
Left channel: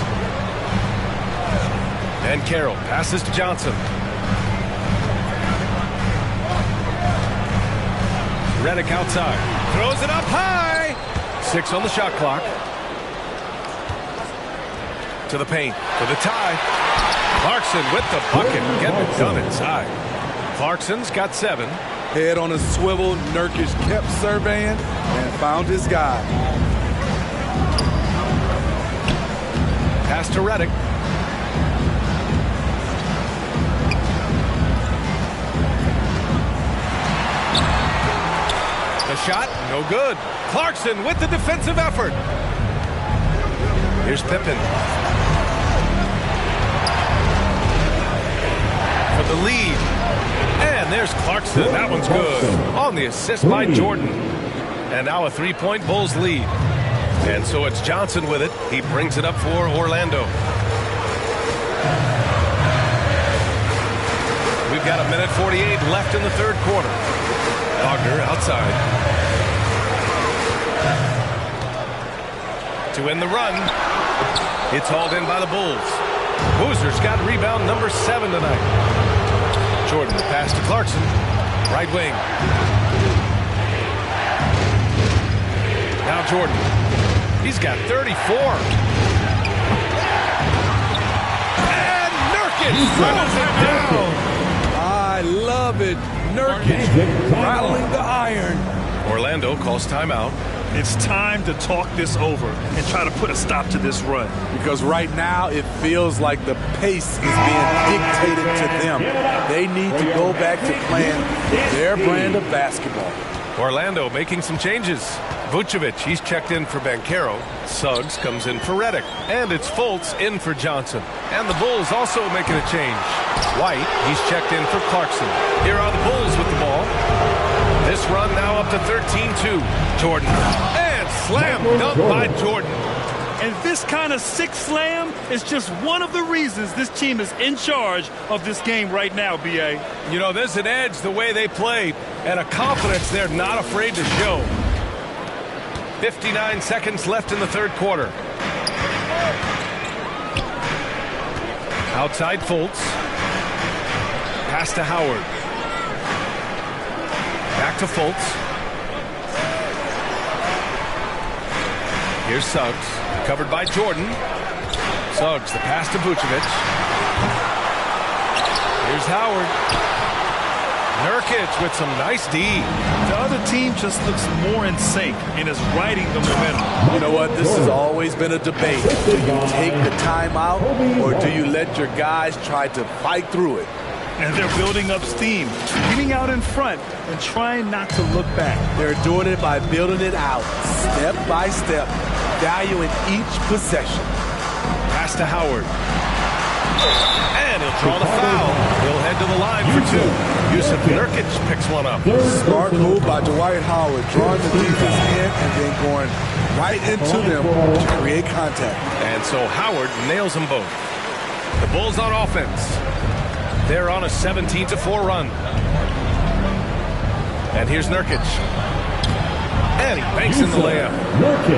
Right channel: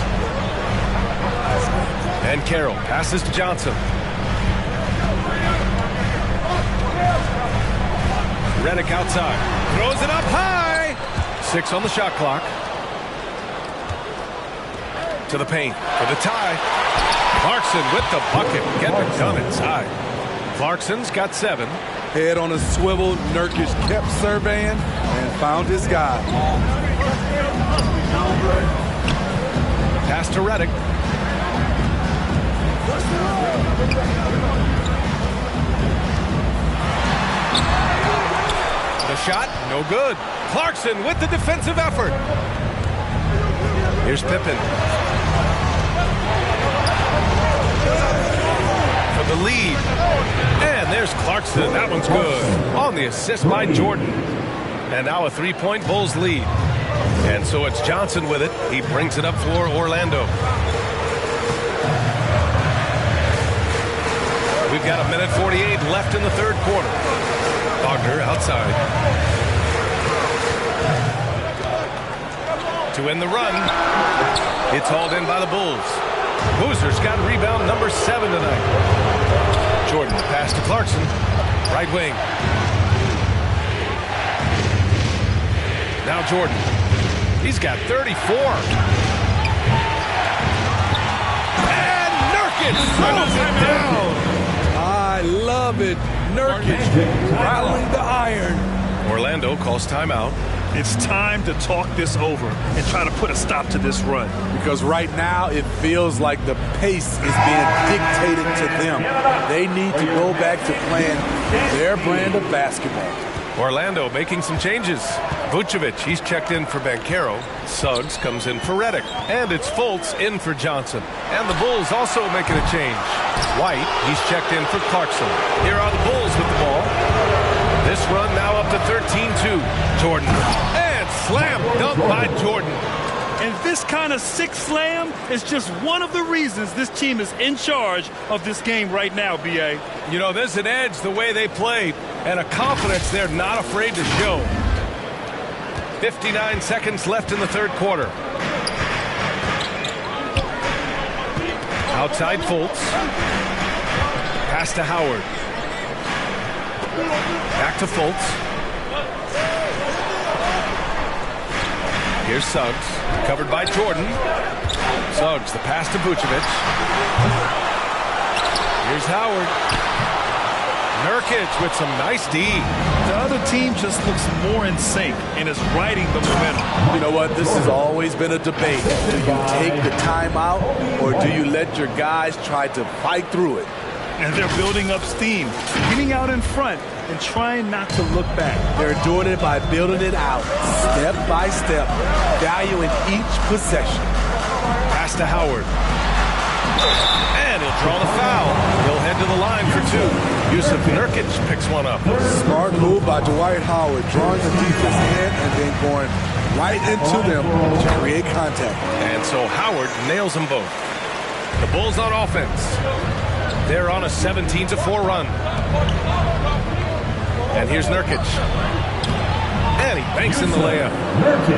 And Carroll passes to Johnson. Redick outside. Throws it up high. 6 on the shot clock. To the paint for the tie. Clarkson with the bucket. Getting it done inside. Clarkson's got 7. Head on a swivel, Nurkic kept surveying and found his guy. Pass pass to Reddick. The shot, no good. Clarkson with the defensive effort. Here's Pippen. For the lead. And there's Clarkson. That one's good. On the assist by Jordan. And now a 3-point Bulls lead. And so it's Johnson with it. He brings it up for Orlando. We've got 1:48 left in the third quarter. Wagner outside. To end the run. It's hauled in by the Bulls. Boozer's got rebound number 7 tonight. Jordan, the pass to Clarkson. Right wing. Now Jordan. He's got 34. And Nurkic throws it down. I love it. Nurkic rattling the iron. Orlando calls timeout. It's time to talk this over and try to put a stop to this run. Because right now it feels like the pace is being dictated to them. They need to go back to playing their brand of basketball. Orlando making some changes. Vucevic, he's checked in for Banchero. Suggs comes in for Reddick. And it's Fultz in for Johnson. And the Bulls also making a change. White, he's checked in for Clarkson. Here are the Bulls with the ball. This run now up to 13-2. Jordan. And slam dunk by Jordan. And this kind of sick slam is just one of the reasons this team is in charge of this game right now, B.A. You know, there's an edge the way they play and a confidence they're not afraid to show. 59 seconds left in the third quarter. Outside Fultz. Pass to Howard. Back to Fultz. Here's Suggs. Covered by Jordan. Suggs, the pass to Vucevic. Here's Howard. Nurkic with some nice D. The other team just looks more in sync and is riding the momentum. You know what? This has always been a debate. Do you take the timeout or do you let your guys try to fight through it? And they're building up steam, getting out in front and trying not to look back. They're doing it by building it out, step by step, valuing each possession. Pass to Howard. And he'll draw the foul. He'll head to the line for 2. Yusuf Nurkic picks one up. Smart move by Dwight Howard, drawing the defense in and then going right into them to create contact. And so Howard nails them both. The Bulls on offense. They're on a 17-4 run. And here's Nurkic. And he banks in the layup.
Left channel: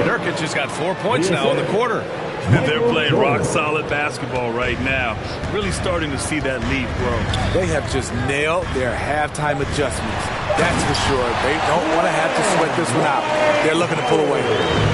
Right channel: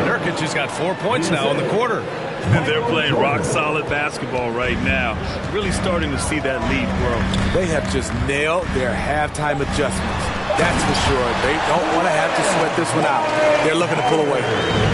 Nurkic has got 4 points now in the quarter. They're playing rock-solid basketball right now. Really starting to see that lead grow. They have just nailed their halftime adjustments. That's for sure. They don't want to have to sweat this one out. They're looking to pull away.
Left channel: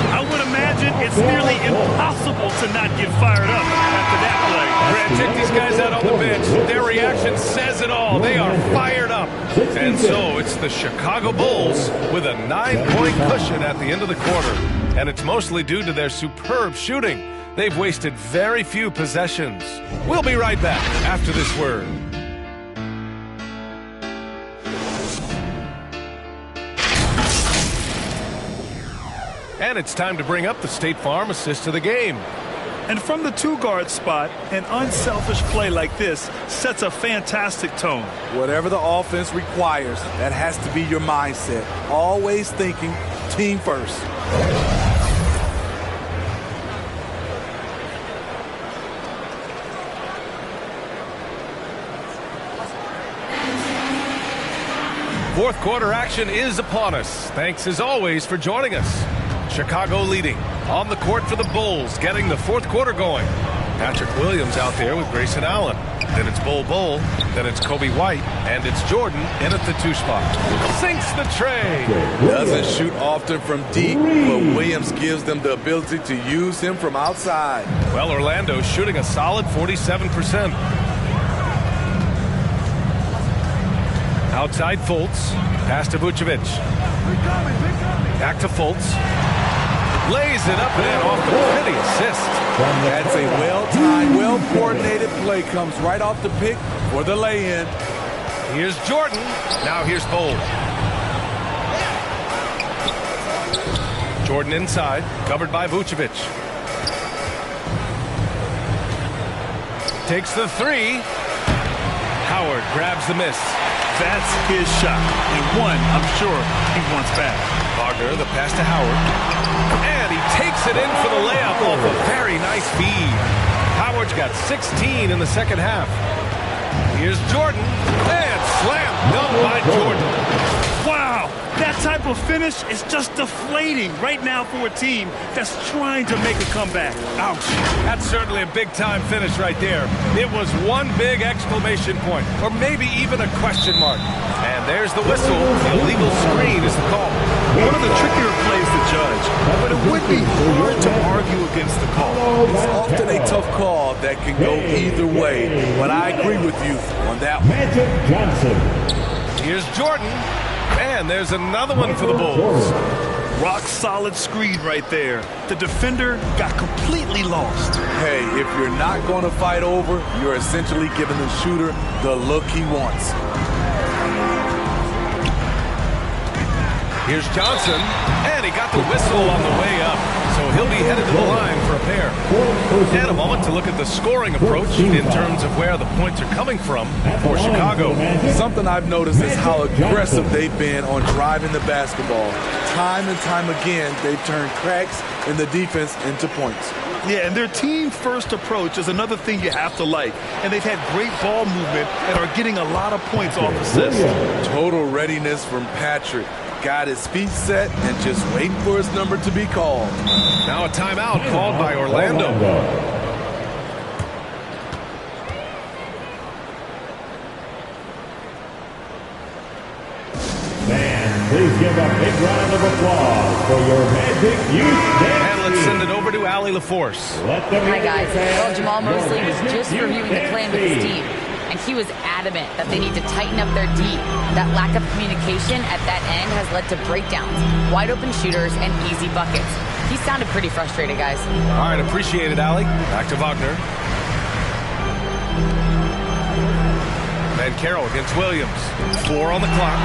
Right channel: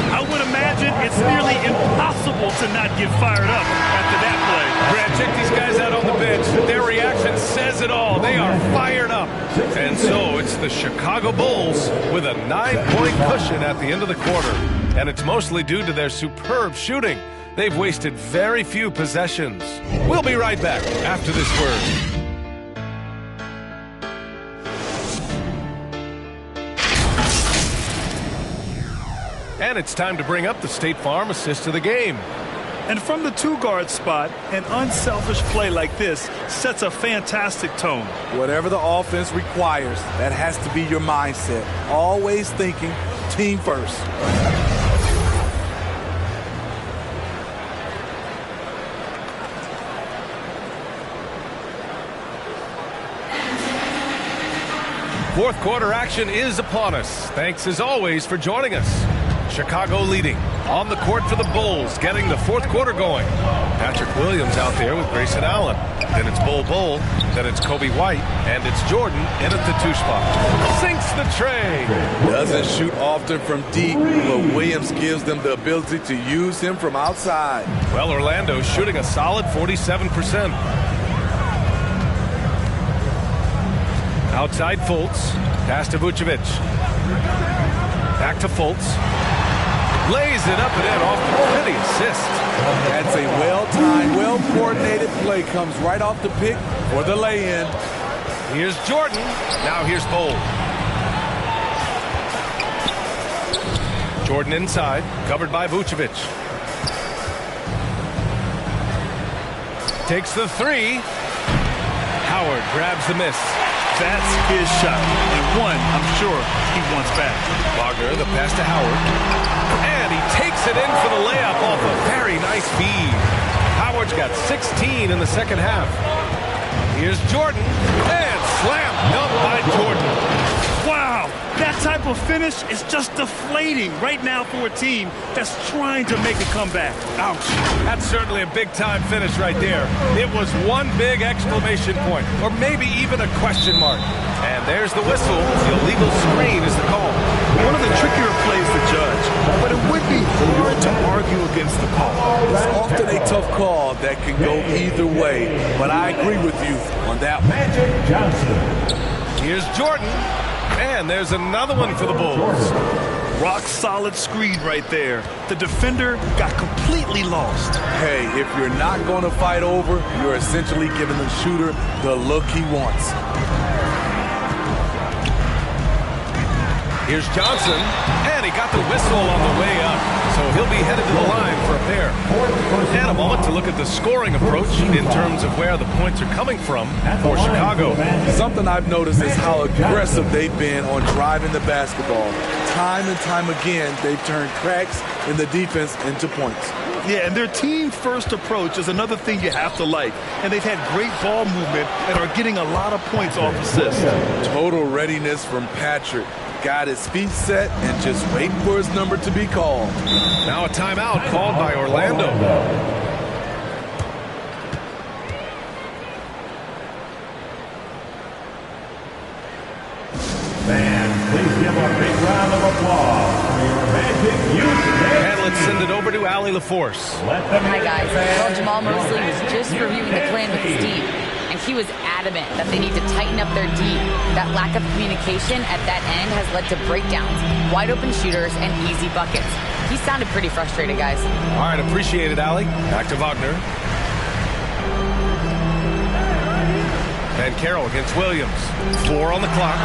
I would imagine it's nearly impossible to not get fired up after that play. Brad, check these guys out on the bench. Their reaction says it all. They are fired up. And so it's the Chicago Bulls with a 9-point cushion at the end of the quarter. And it's mostly due to their superb shooting. They've wasted very few possessions. We'll be right back after this word. And it's time to bring up the State Farm assist of the game. And from the 2-guard spot, an unselfish play like this sets a fantastic tone. Whatever the offense requires, that has to be your mindset. Always thinking team first. Fourth quarter action is upon us. Thanks as always for joining us. Chicago leading on the court for the Bulls, getting the fourth quarter going. Patrick Williams out there with Grayson Allen. Then it's Bol Bol. Then it's Kobe White. And it's Jordan in at the 2 spot. Sinks the tray. Doesn't shoot often from deep, but Williams gives them the ability to use him from outside. Well, Orlando's shooting a solid 47%. Outside Fultz. Pass to Vucevic. Back to Fultz. Lays it up and in off the pretty assist. That's a well-timed, well-coordinated play. Comes right off the pick for the lay-in. Here's Jordan. Now here's Bowl. Jordan inside, covered by Vucevic. Takes the three. Howard grabs the miss. That's his shot, and one I'm sure he wants back. Wagner, the pass to Howard. And he takes it in for the layup off a very nice feed. Howard's got 16 in the second half. Here's Jordan, and slam dunk by Jordan. Wow, that type of finish is just deflating right now for a team that's trying to make a comeback. Ouch. That's certainly a big-time finish right there. It was one big exclamation point, or maybe even a question mark. And there's the whistle. The illegal screen is the call. One of the trickier plays to judge, but it would be hard to argue against the call. It's often a tough call that can go either way, but I agree with you on that one. Magic Johnson. Here's Jordan, and there's another one for the Bulls. Rock solid screen right there. The defender got completely lost. Hey, if you're not going to fight over, you're essentially giving the shooter the look he wants. Here's Johnson, and he got the whistle on the way up, so he'll be headed to the line for a pair. And a moment to look at the scoring approach in terms of where the points are coming from for Chicago. Something I've noticed is how aggressive they've been on driving the basketball. Time and time again, they've turned cracks in the defense into points. Yeah, and their team-first approach is another thing you have to like. And they've had great ball movement and are getting a lot of points off assists. Total readiness from Patrick. Got his feet set and just waiting for his number to be called. Now a timeout called by Orlando. Fans, please give a big round of applause for your Magic Youth Dance. And let's send it over to Allie LaForce. Hi, guys. Well, Jamal Mosley was just reviewing the plan with his team, and he was adamant that they need to tighten up their D. That lack of communication at that end has led to breakdowns, wide open shooters, and easy buckets. He sounded pretty frustrated, guys. All right, appreciate it, Allie. Back to Wagner. Van Carroll against Williams. 4 on the clock.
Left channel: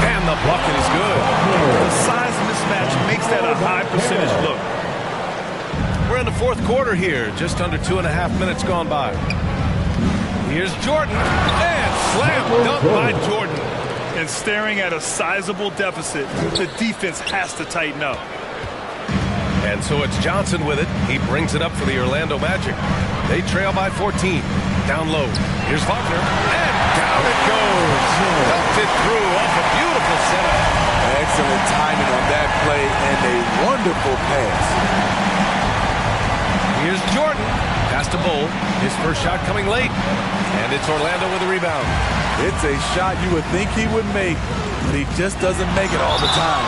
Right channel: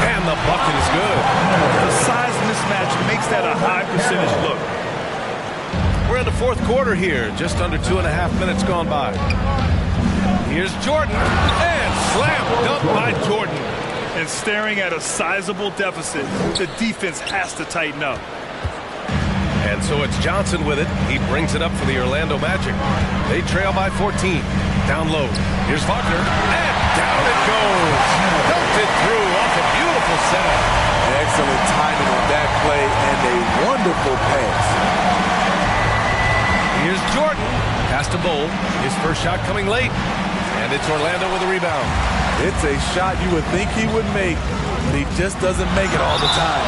And the bucket is good. The size mismatch makes that a high percentage look. We're in the fourth quarter here. Just under 2.5 minutes gone by. Here's Jordan. And slam dunk by Jordan. And staring at a sizable deficit, the defense has to tighten up. And so it's Johnson with it. He brings it up for the Orlando Magic. They trail by 14. Down low. Here's Wagner. And down it goes. Dunked it through off a beautiful setup. Excellent timing on that play and a wonderful pass. Here's Jordan. Pass to Bowl. His first shot coming late. And it's Orlando with a rebound. It's a shot you would think he would make, but he just doesn't make it all the time.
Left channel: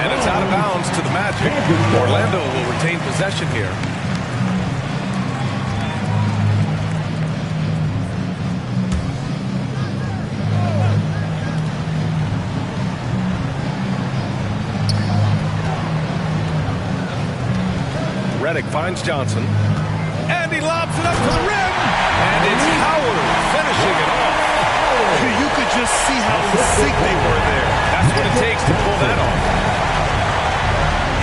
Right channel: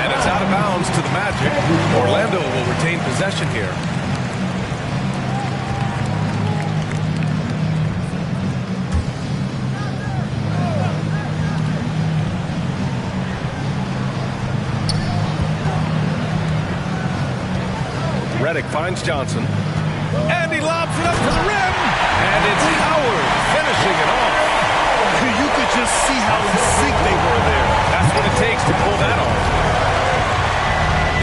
And it's out of bounds to the Magic. Orlando will retain possession here. Redick finds Johnson. And he lobs it up to the rim. And it's Howard finishing it off. You could just see how in sync they were there. That's what it takes to pull that off.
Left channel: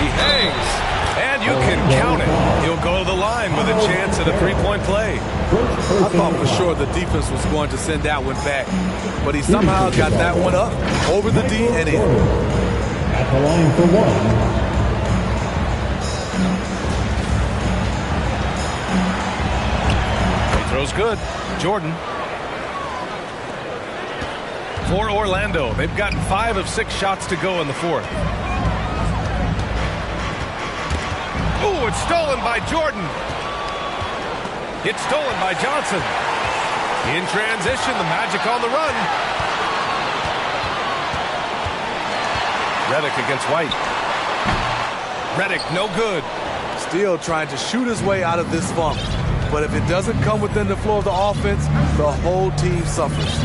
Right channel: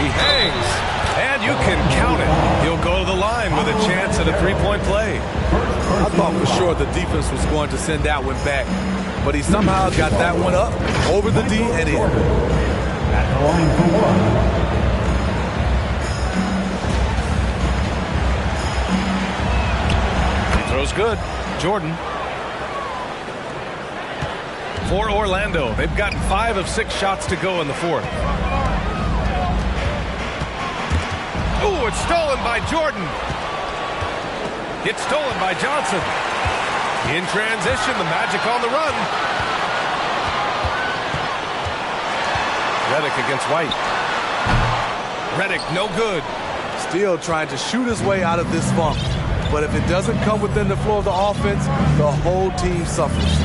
He hangs. And you can count it. He'll go to the line with a chance at a three-point play. I thought for sure the defense was going to send that one back. But he somehow got that one up, over the D, and in. At the line for one. Throws good. Jordan. For Orlando, they've gotten 5 of 6 shots to go in the fourth. Oh, it's stolen by Jordan. It's stolen by Johnson. In transition, the Magic on the run. Redick against White. Redick, no good. Still trying to shoot his way out of this funk. But if it doesn't come within the flow of the offense, the whole team suffers.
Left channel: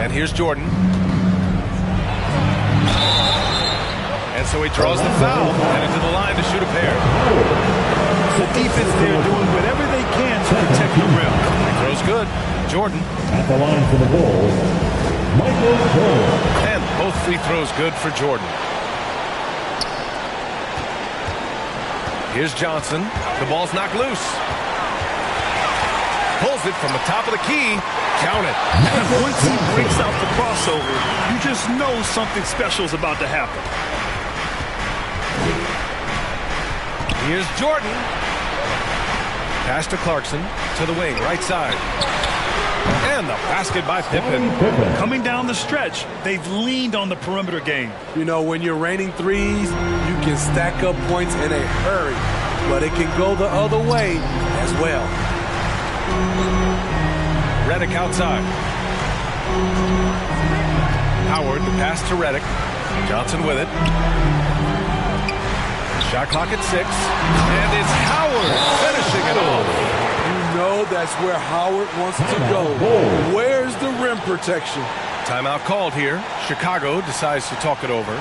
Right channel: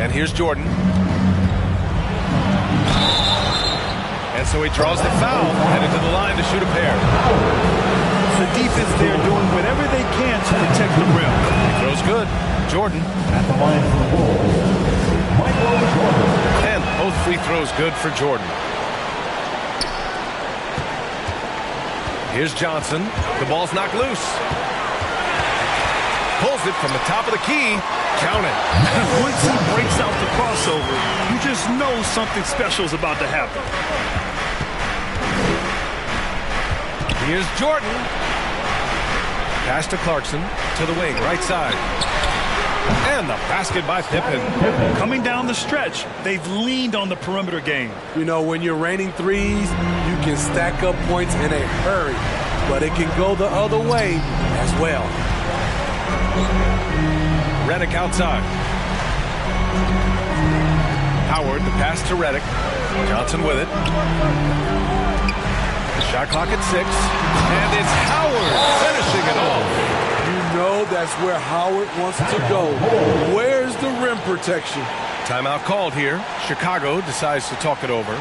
And here's Jordan. And so he draws the foul, headed to the line to shoot a pair. The defense there doing whatever they can to protect the rim. He throws good. Jordan. At the line for the Bulls, Michael Jordan. And both free throws good for Jordan. Here's Johnson. The ball's knocked loose. Pulls it from the top of the key. Count it. And once he breaks out the crossover, you just know something special is about to happen. Here's Jordan. Pass to Clarkson. To the wing, right side. And the basket by Pippen. Coming down the stretch, they've leaned on the perimeter game. You know, when you're raining threes, you can stack up points in a hurry. But it can go the other way as well. Redick outside. Howard, the pass to Redick. Johnson with it. Shot clock at 6. And it's Howard finishing it off. You know that's where Howard wants to go. Where's the rim protection? Timeout called here. Chicago decides to talk it over.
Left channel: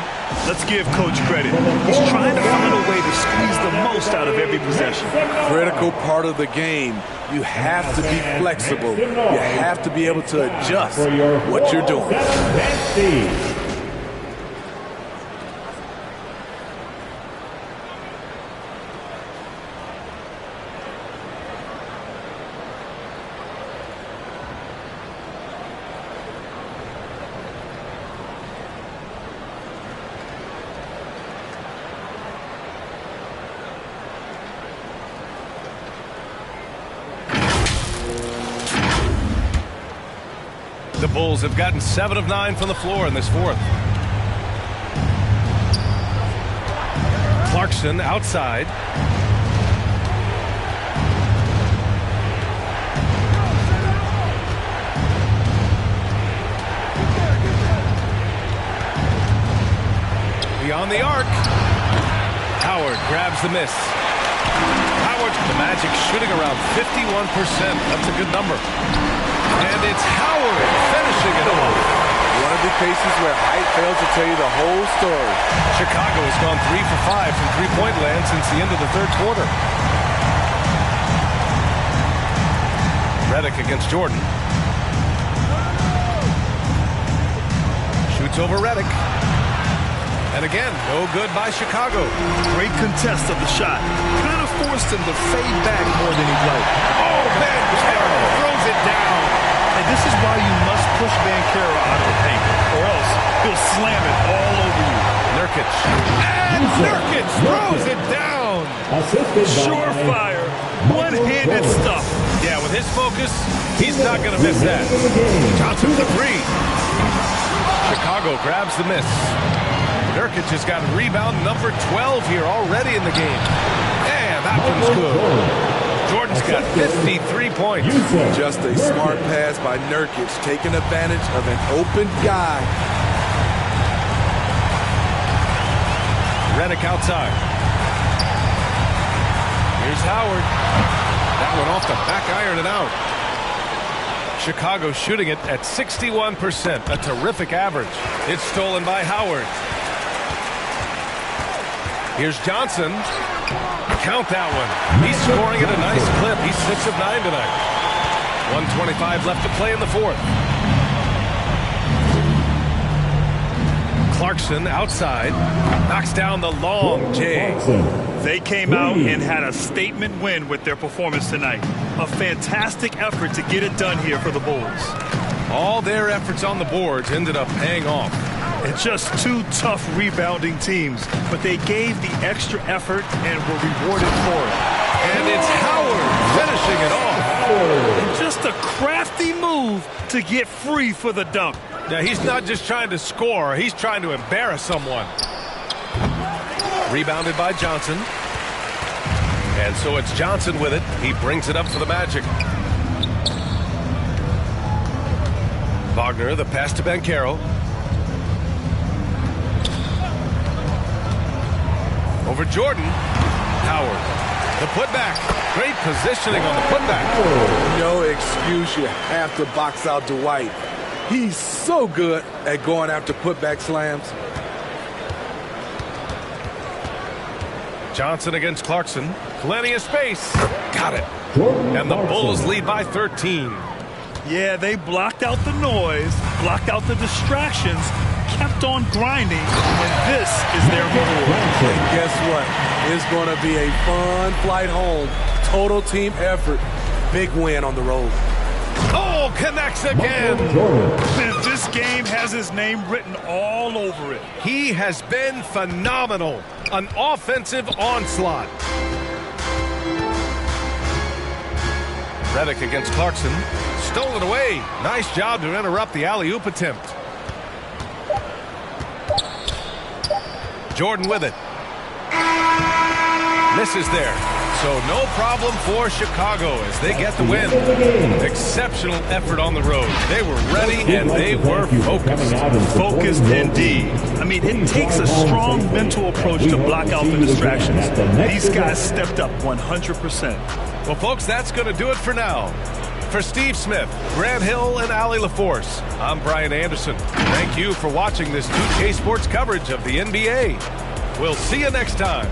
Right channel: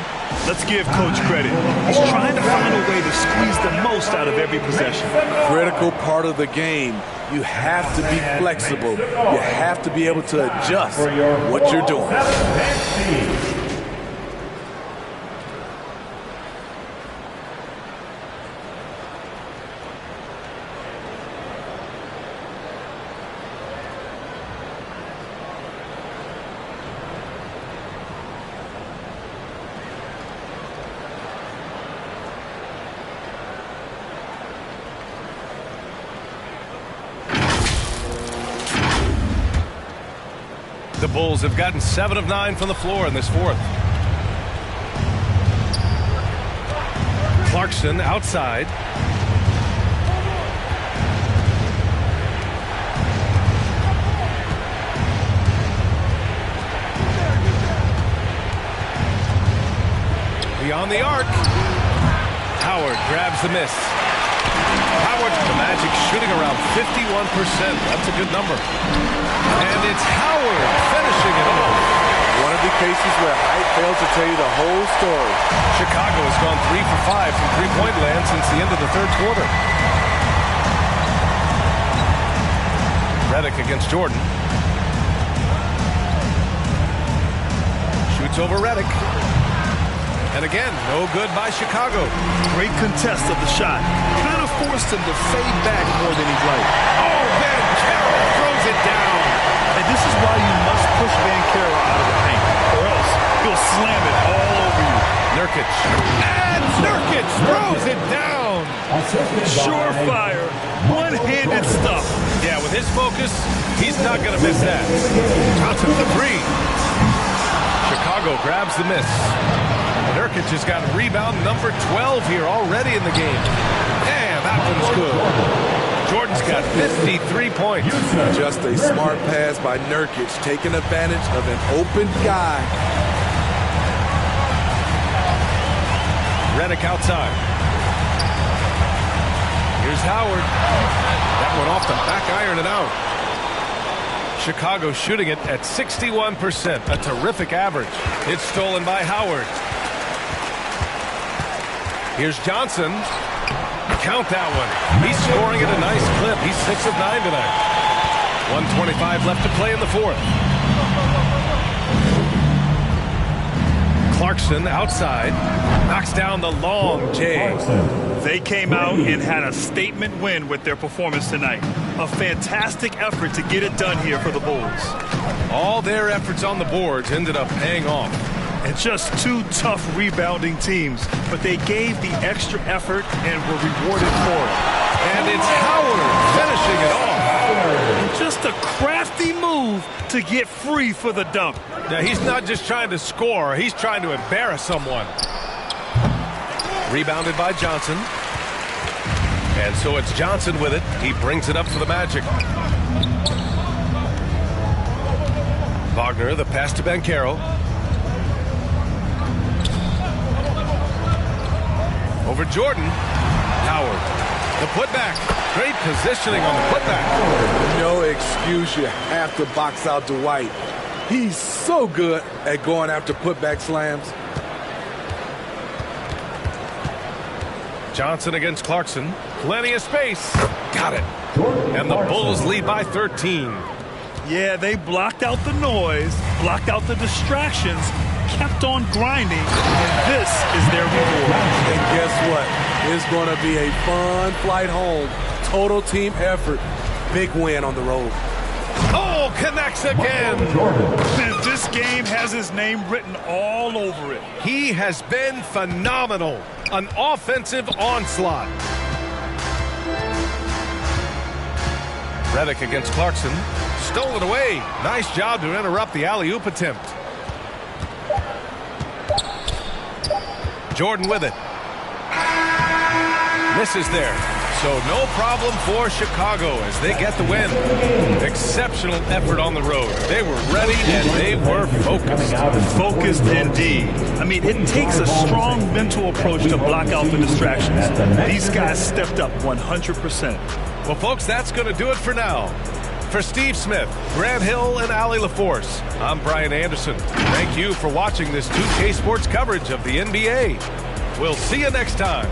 Let's give Coach credit. He's trying to find a way to squeeze the most out of every possession. Critical part of the game. You have to be flexible. You have to be able to adjust what you're doing. The Bulls have gotten 7 of 9 from the floor in this fourth. Clarkson outside. Beyond the arc. Howard grabs the miss. Howard, the Magic shooting around 51%. That's a good number. And it's Howard finishing it off. One of the cases where height fails to tell you the whole story. Chicago has gone 3 for 5 from three-point land since the end of the third quarter. Redick against Jordan. Shoots over Redick. And again, no good by Chicago. Great contest of the shot. Kind of forced him to fade back more than he'd like. Oh, Banchero throws it down. And this is why you must push Banchero out of the paint, or else he'll slam it all over you. Nurkic. And Nurkic throws it down. Surefire. One-handed stuff. Yeah, with his focus, he's not going to miss that. Johnson for 3. Chicago grabs the miss. Nurkic has got rebound number 12 here already in the game. And that one's good. Jordan's got 53 points. Just a smart pass by Nurkic, taking advantage of an open guy. Redick outside. Here's Howard. That one off the back iron and out. Chicago shooting it at 61%, a terrific average. It's stolen by Howard. Here's Johnson. Count that one. He's scoring at a nice clip. He's 6 of 9 tonight. 1:25 left to play in the fourth. Clarkson outside. Knocks down the long J. They came out and had a statement win with their performance tonight. A fantastic effort to get it done here for the Bulls. All their efforts on the boards ended up paying off. And just 2 tough rebounding teams, but they gave the extra effort and were rewarded for it. And it's Howard finishing it off. And just a crafty move to get free for the dunk. Now, he's not just trying to score, he's trying to embarrass someone. Rebounded by Johnson. And so it's Johnson with it. He brings it up for the Magic. Wagner, the pass to Banchero. Over Jordan. Howard. The putback. Great positioning on the putback. No excuse. You have to box out Dwight. He's so good at going after putback slams. Johnson against Clarkson. Plenty of space. Got it. And the Bulls lead by 13. Yeah, they blocked out the noise, blocked out the distractions, kept on grinding, and this is their reward. And guess what? It's going to be a fun flight home. Total team effort. Big win on the road. Oh, connects again. And this game has his name written all over it. He has been phenomenal. An offensive onslaught. Reddick against Clarkson. Stolen away. Nice job to interrupt the alley-oop attempt. Jordan with it. Misses there. So no problem for Chicago as they get the win. Exceptional effort on the road. They were ready and they were focused. Focused indeed. I mean, it takes a strong mental approach to block out the distractions. These guys stepped up 100%. Well, folks, that's going to do it for now. For Steve Smith, Grant Hill, and Allie LaForce, I'm Brian Anderson. Thank you for watching this 2K Sports coverage of the NBA. We'll see you next time.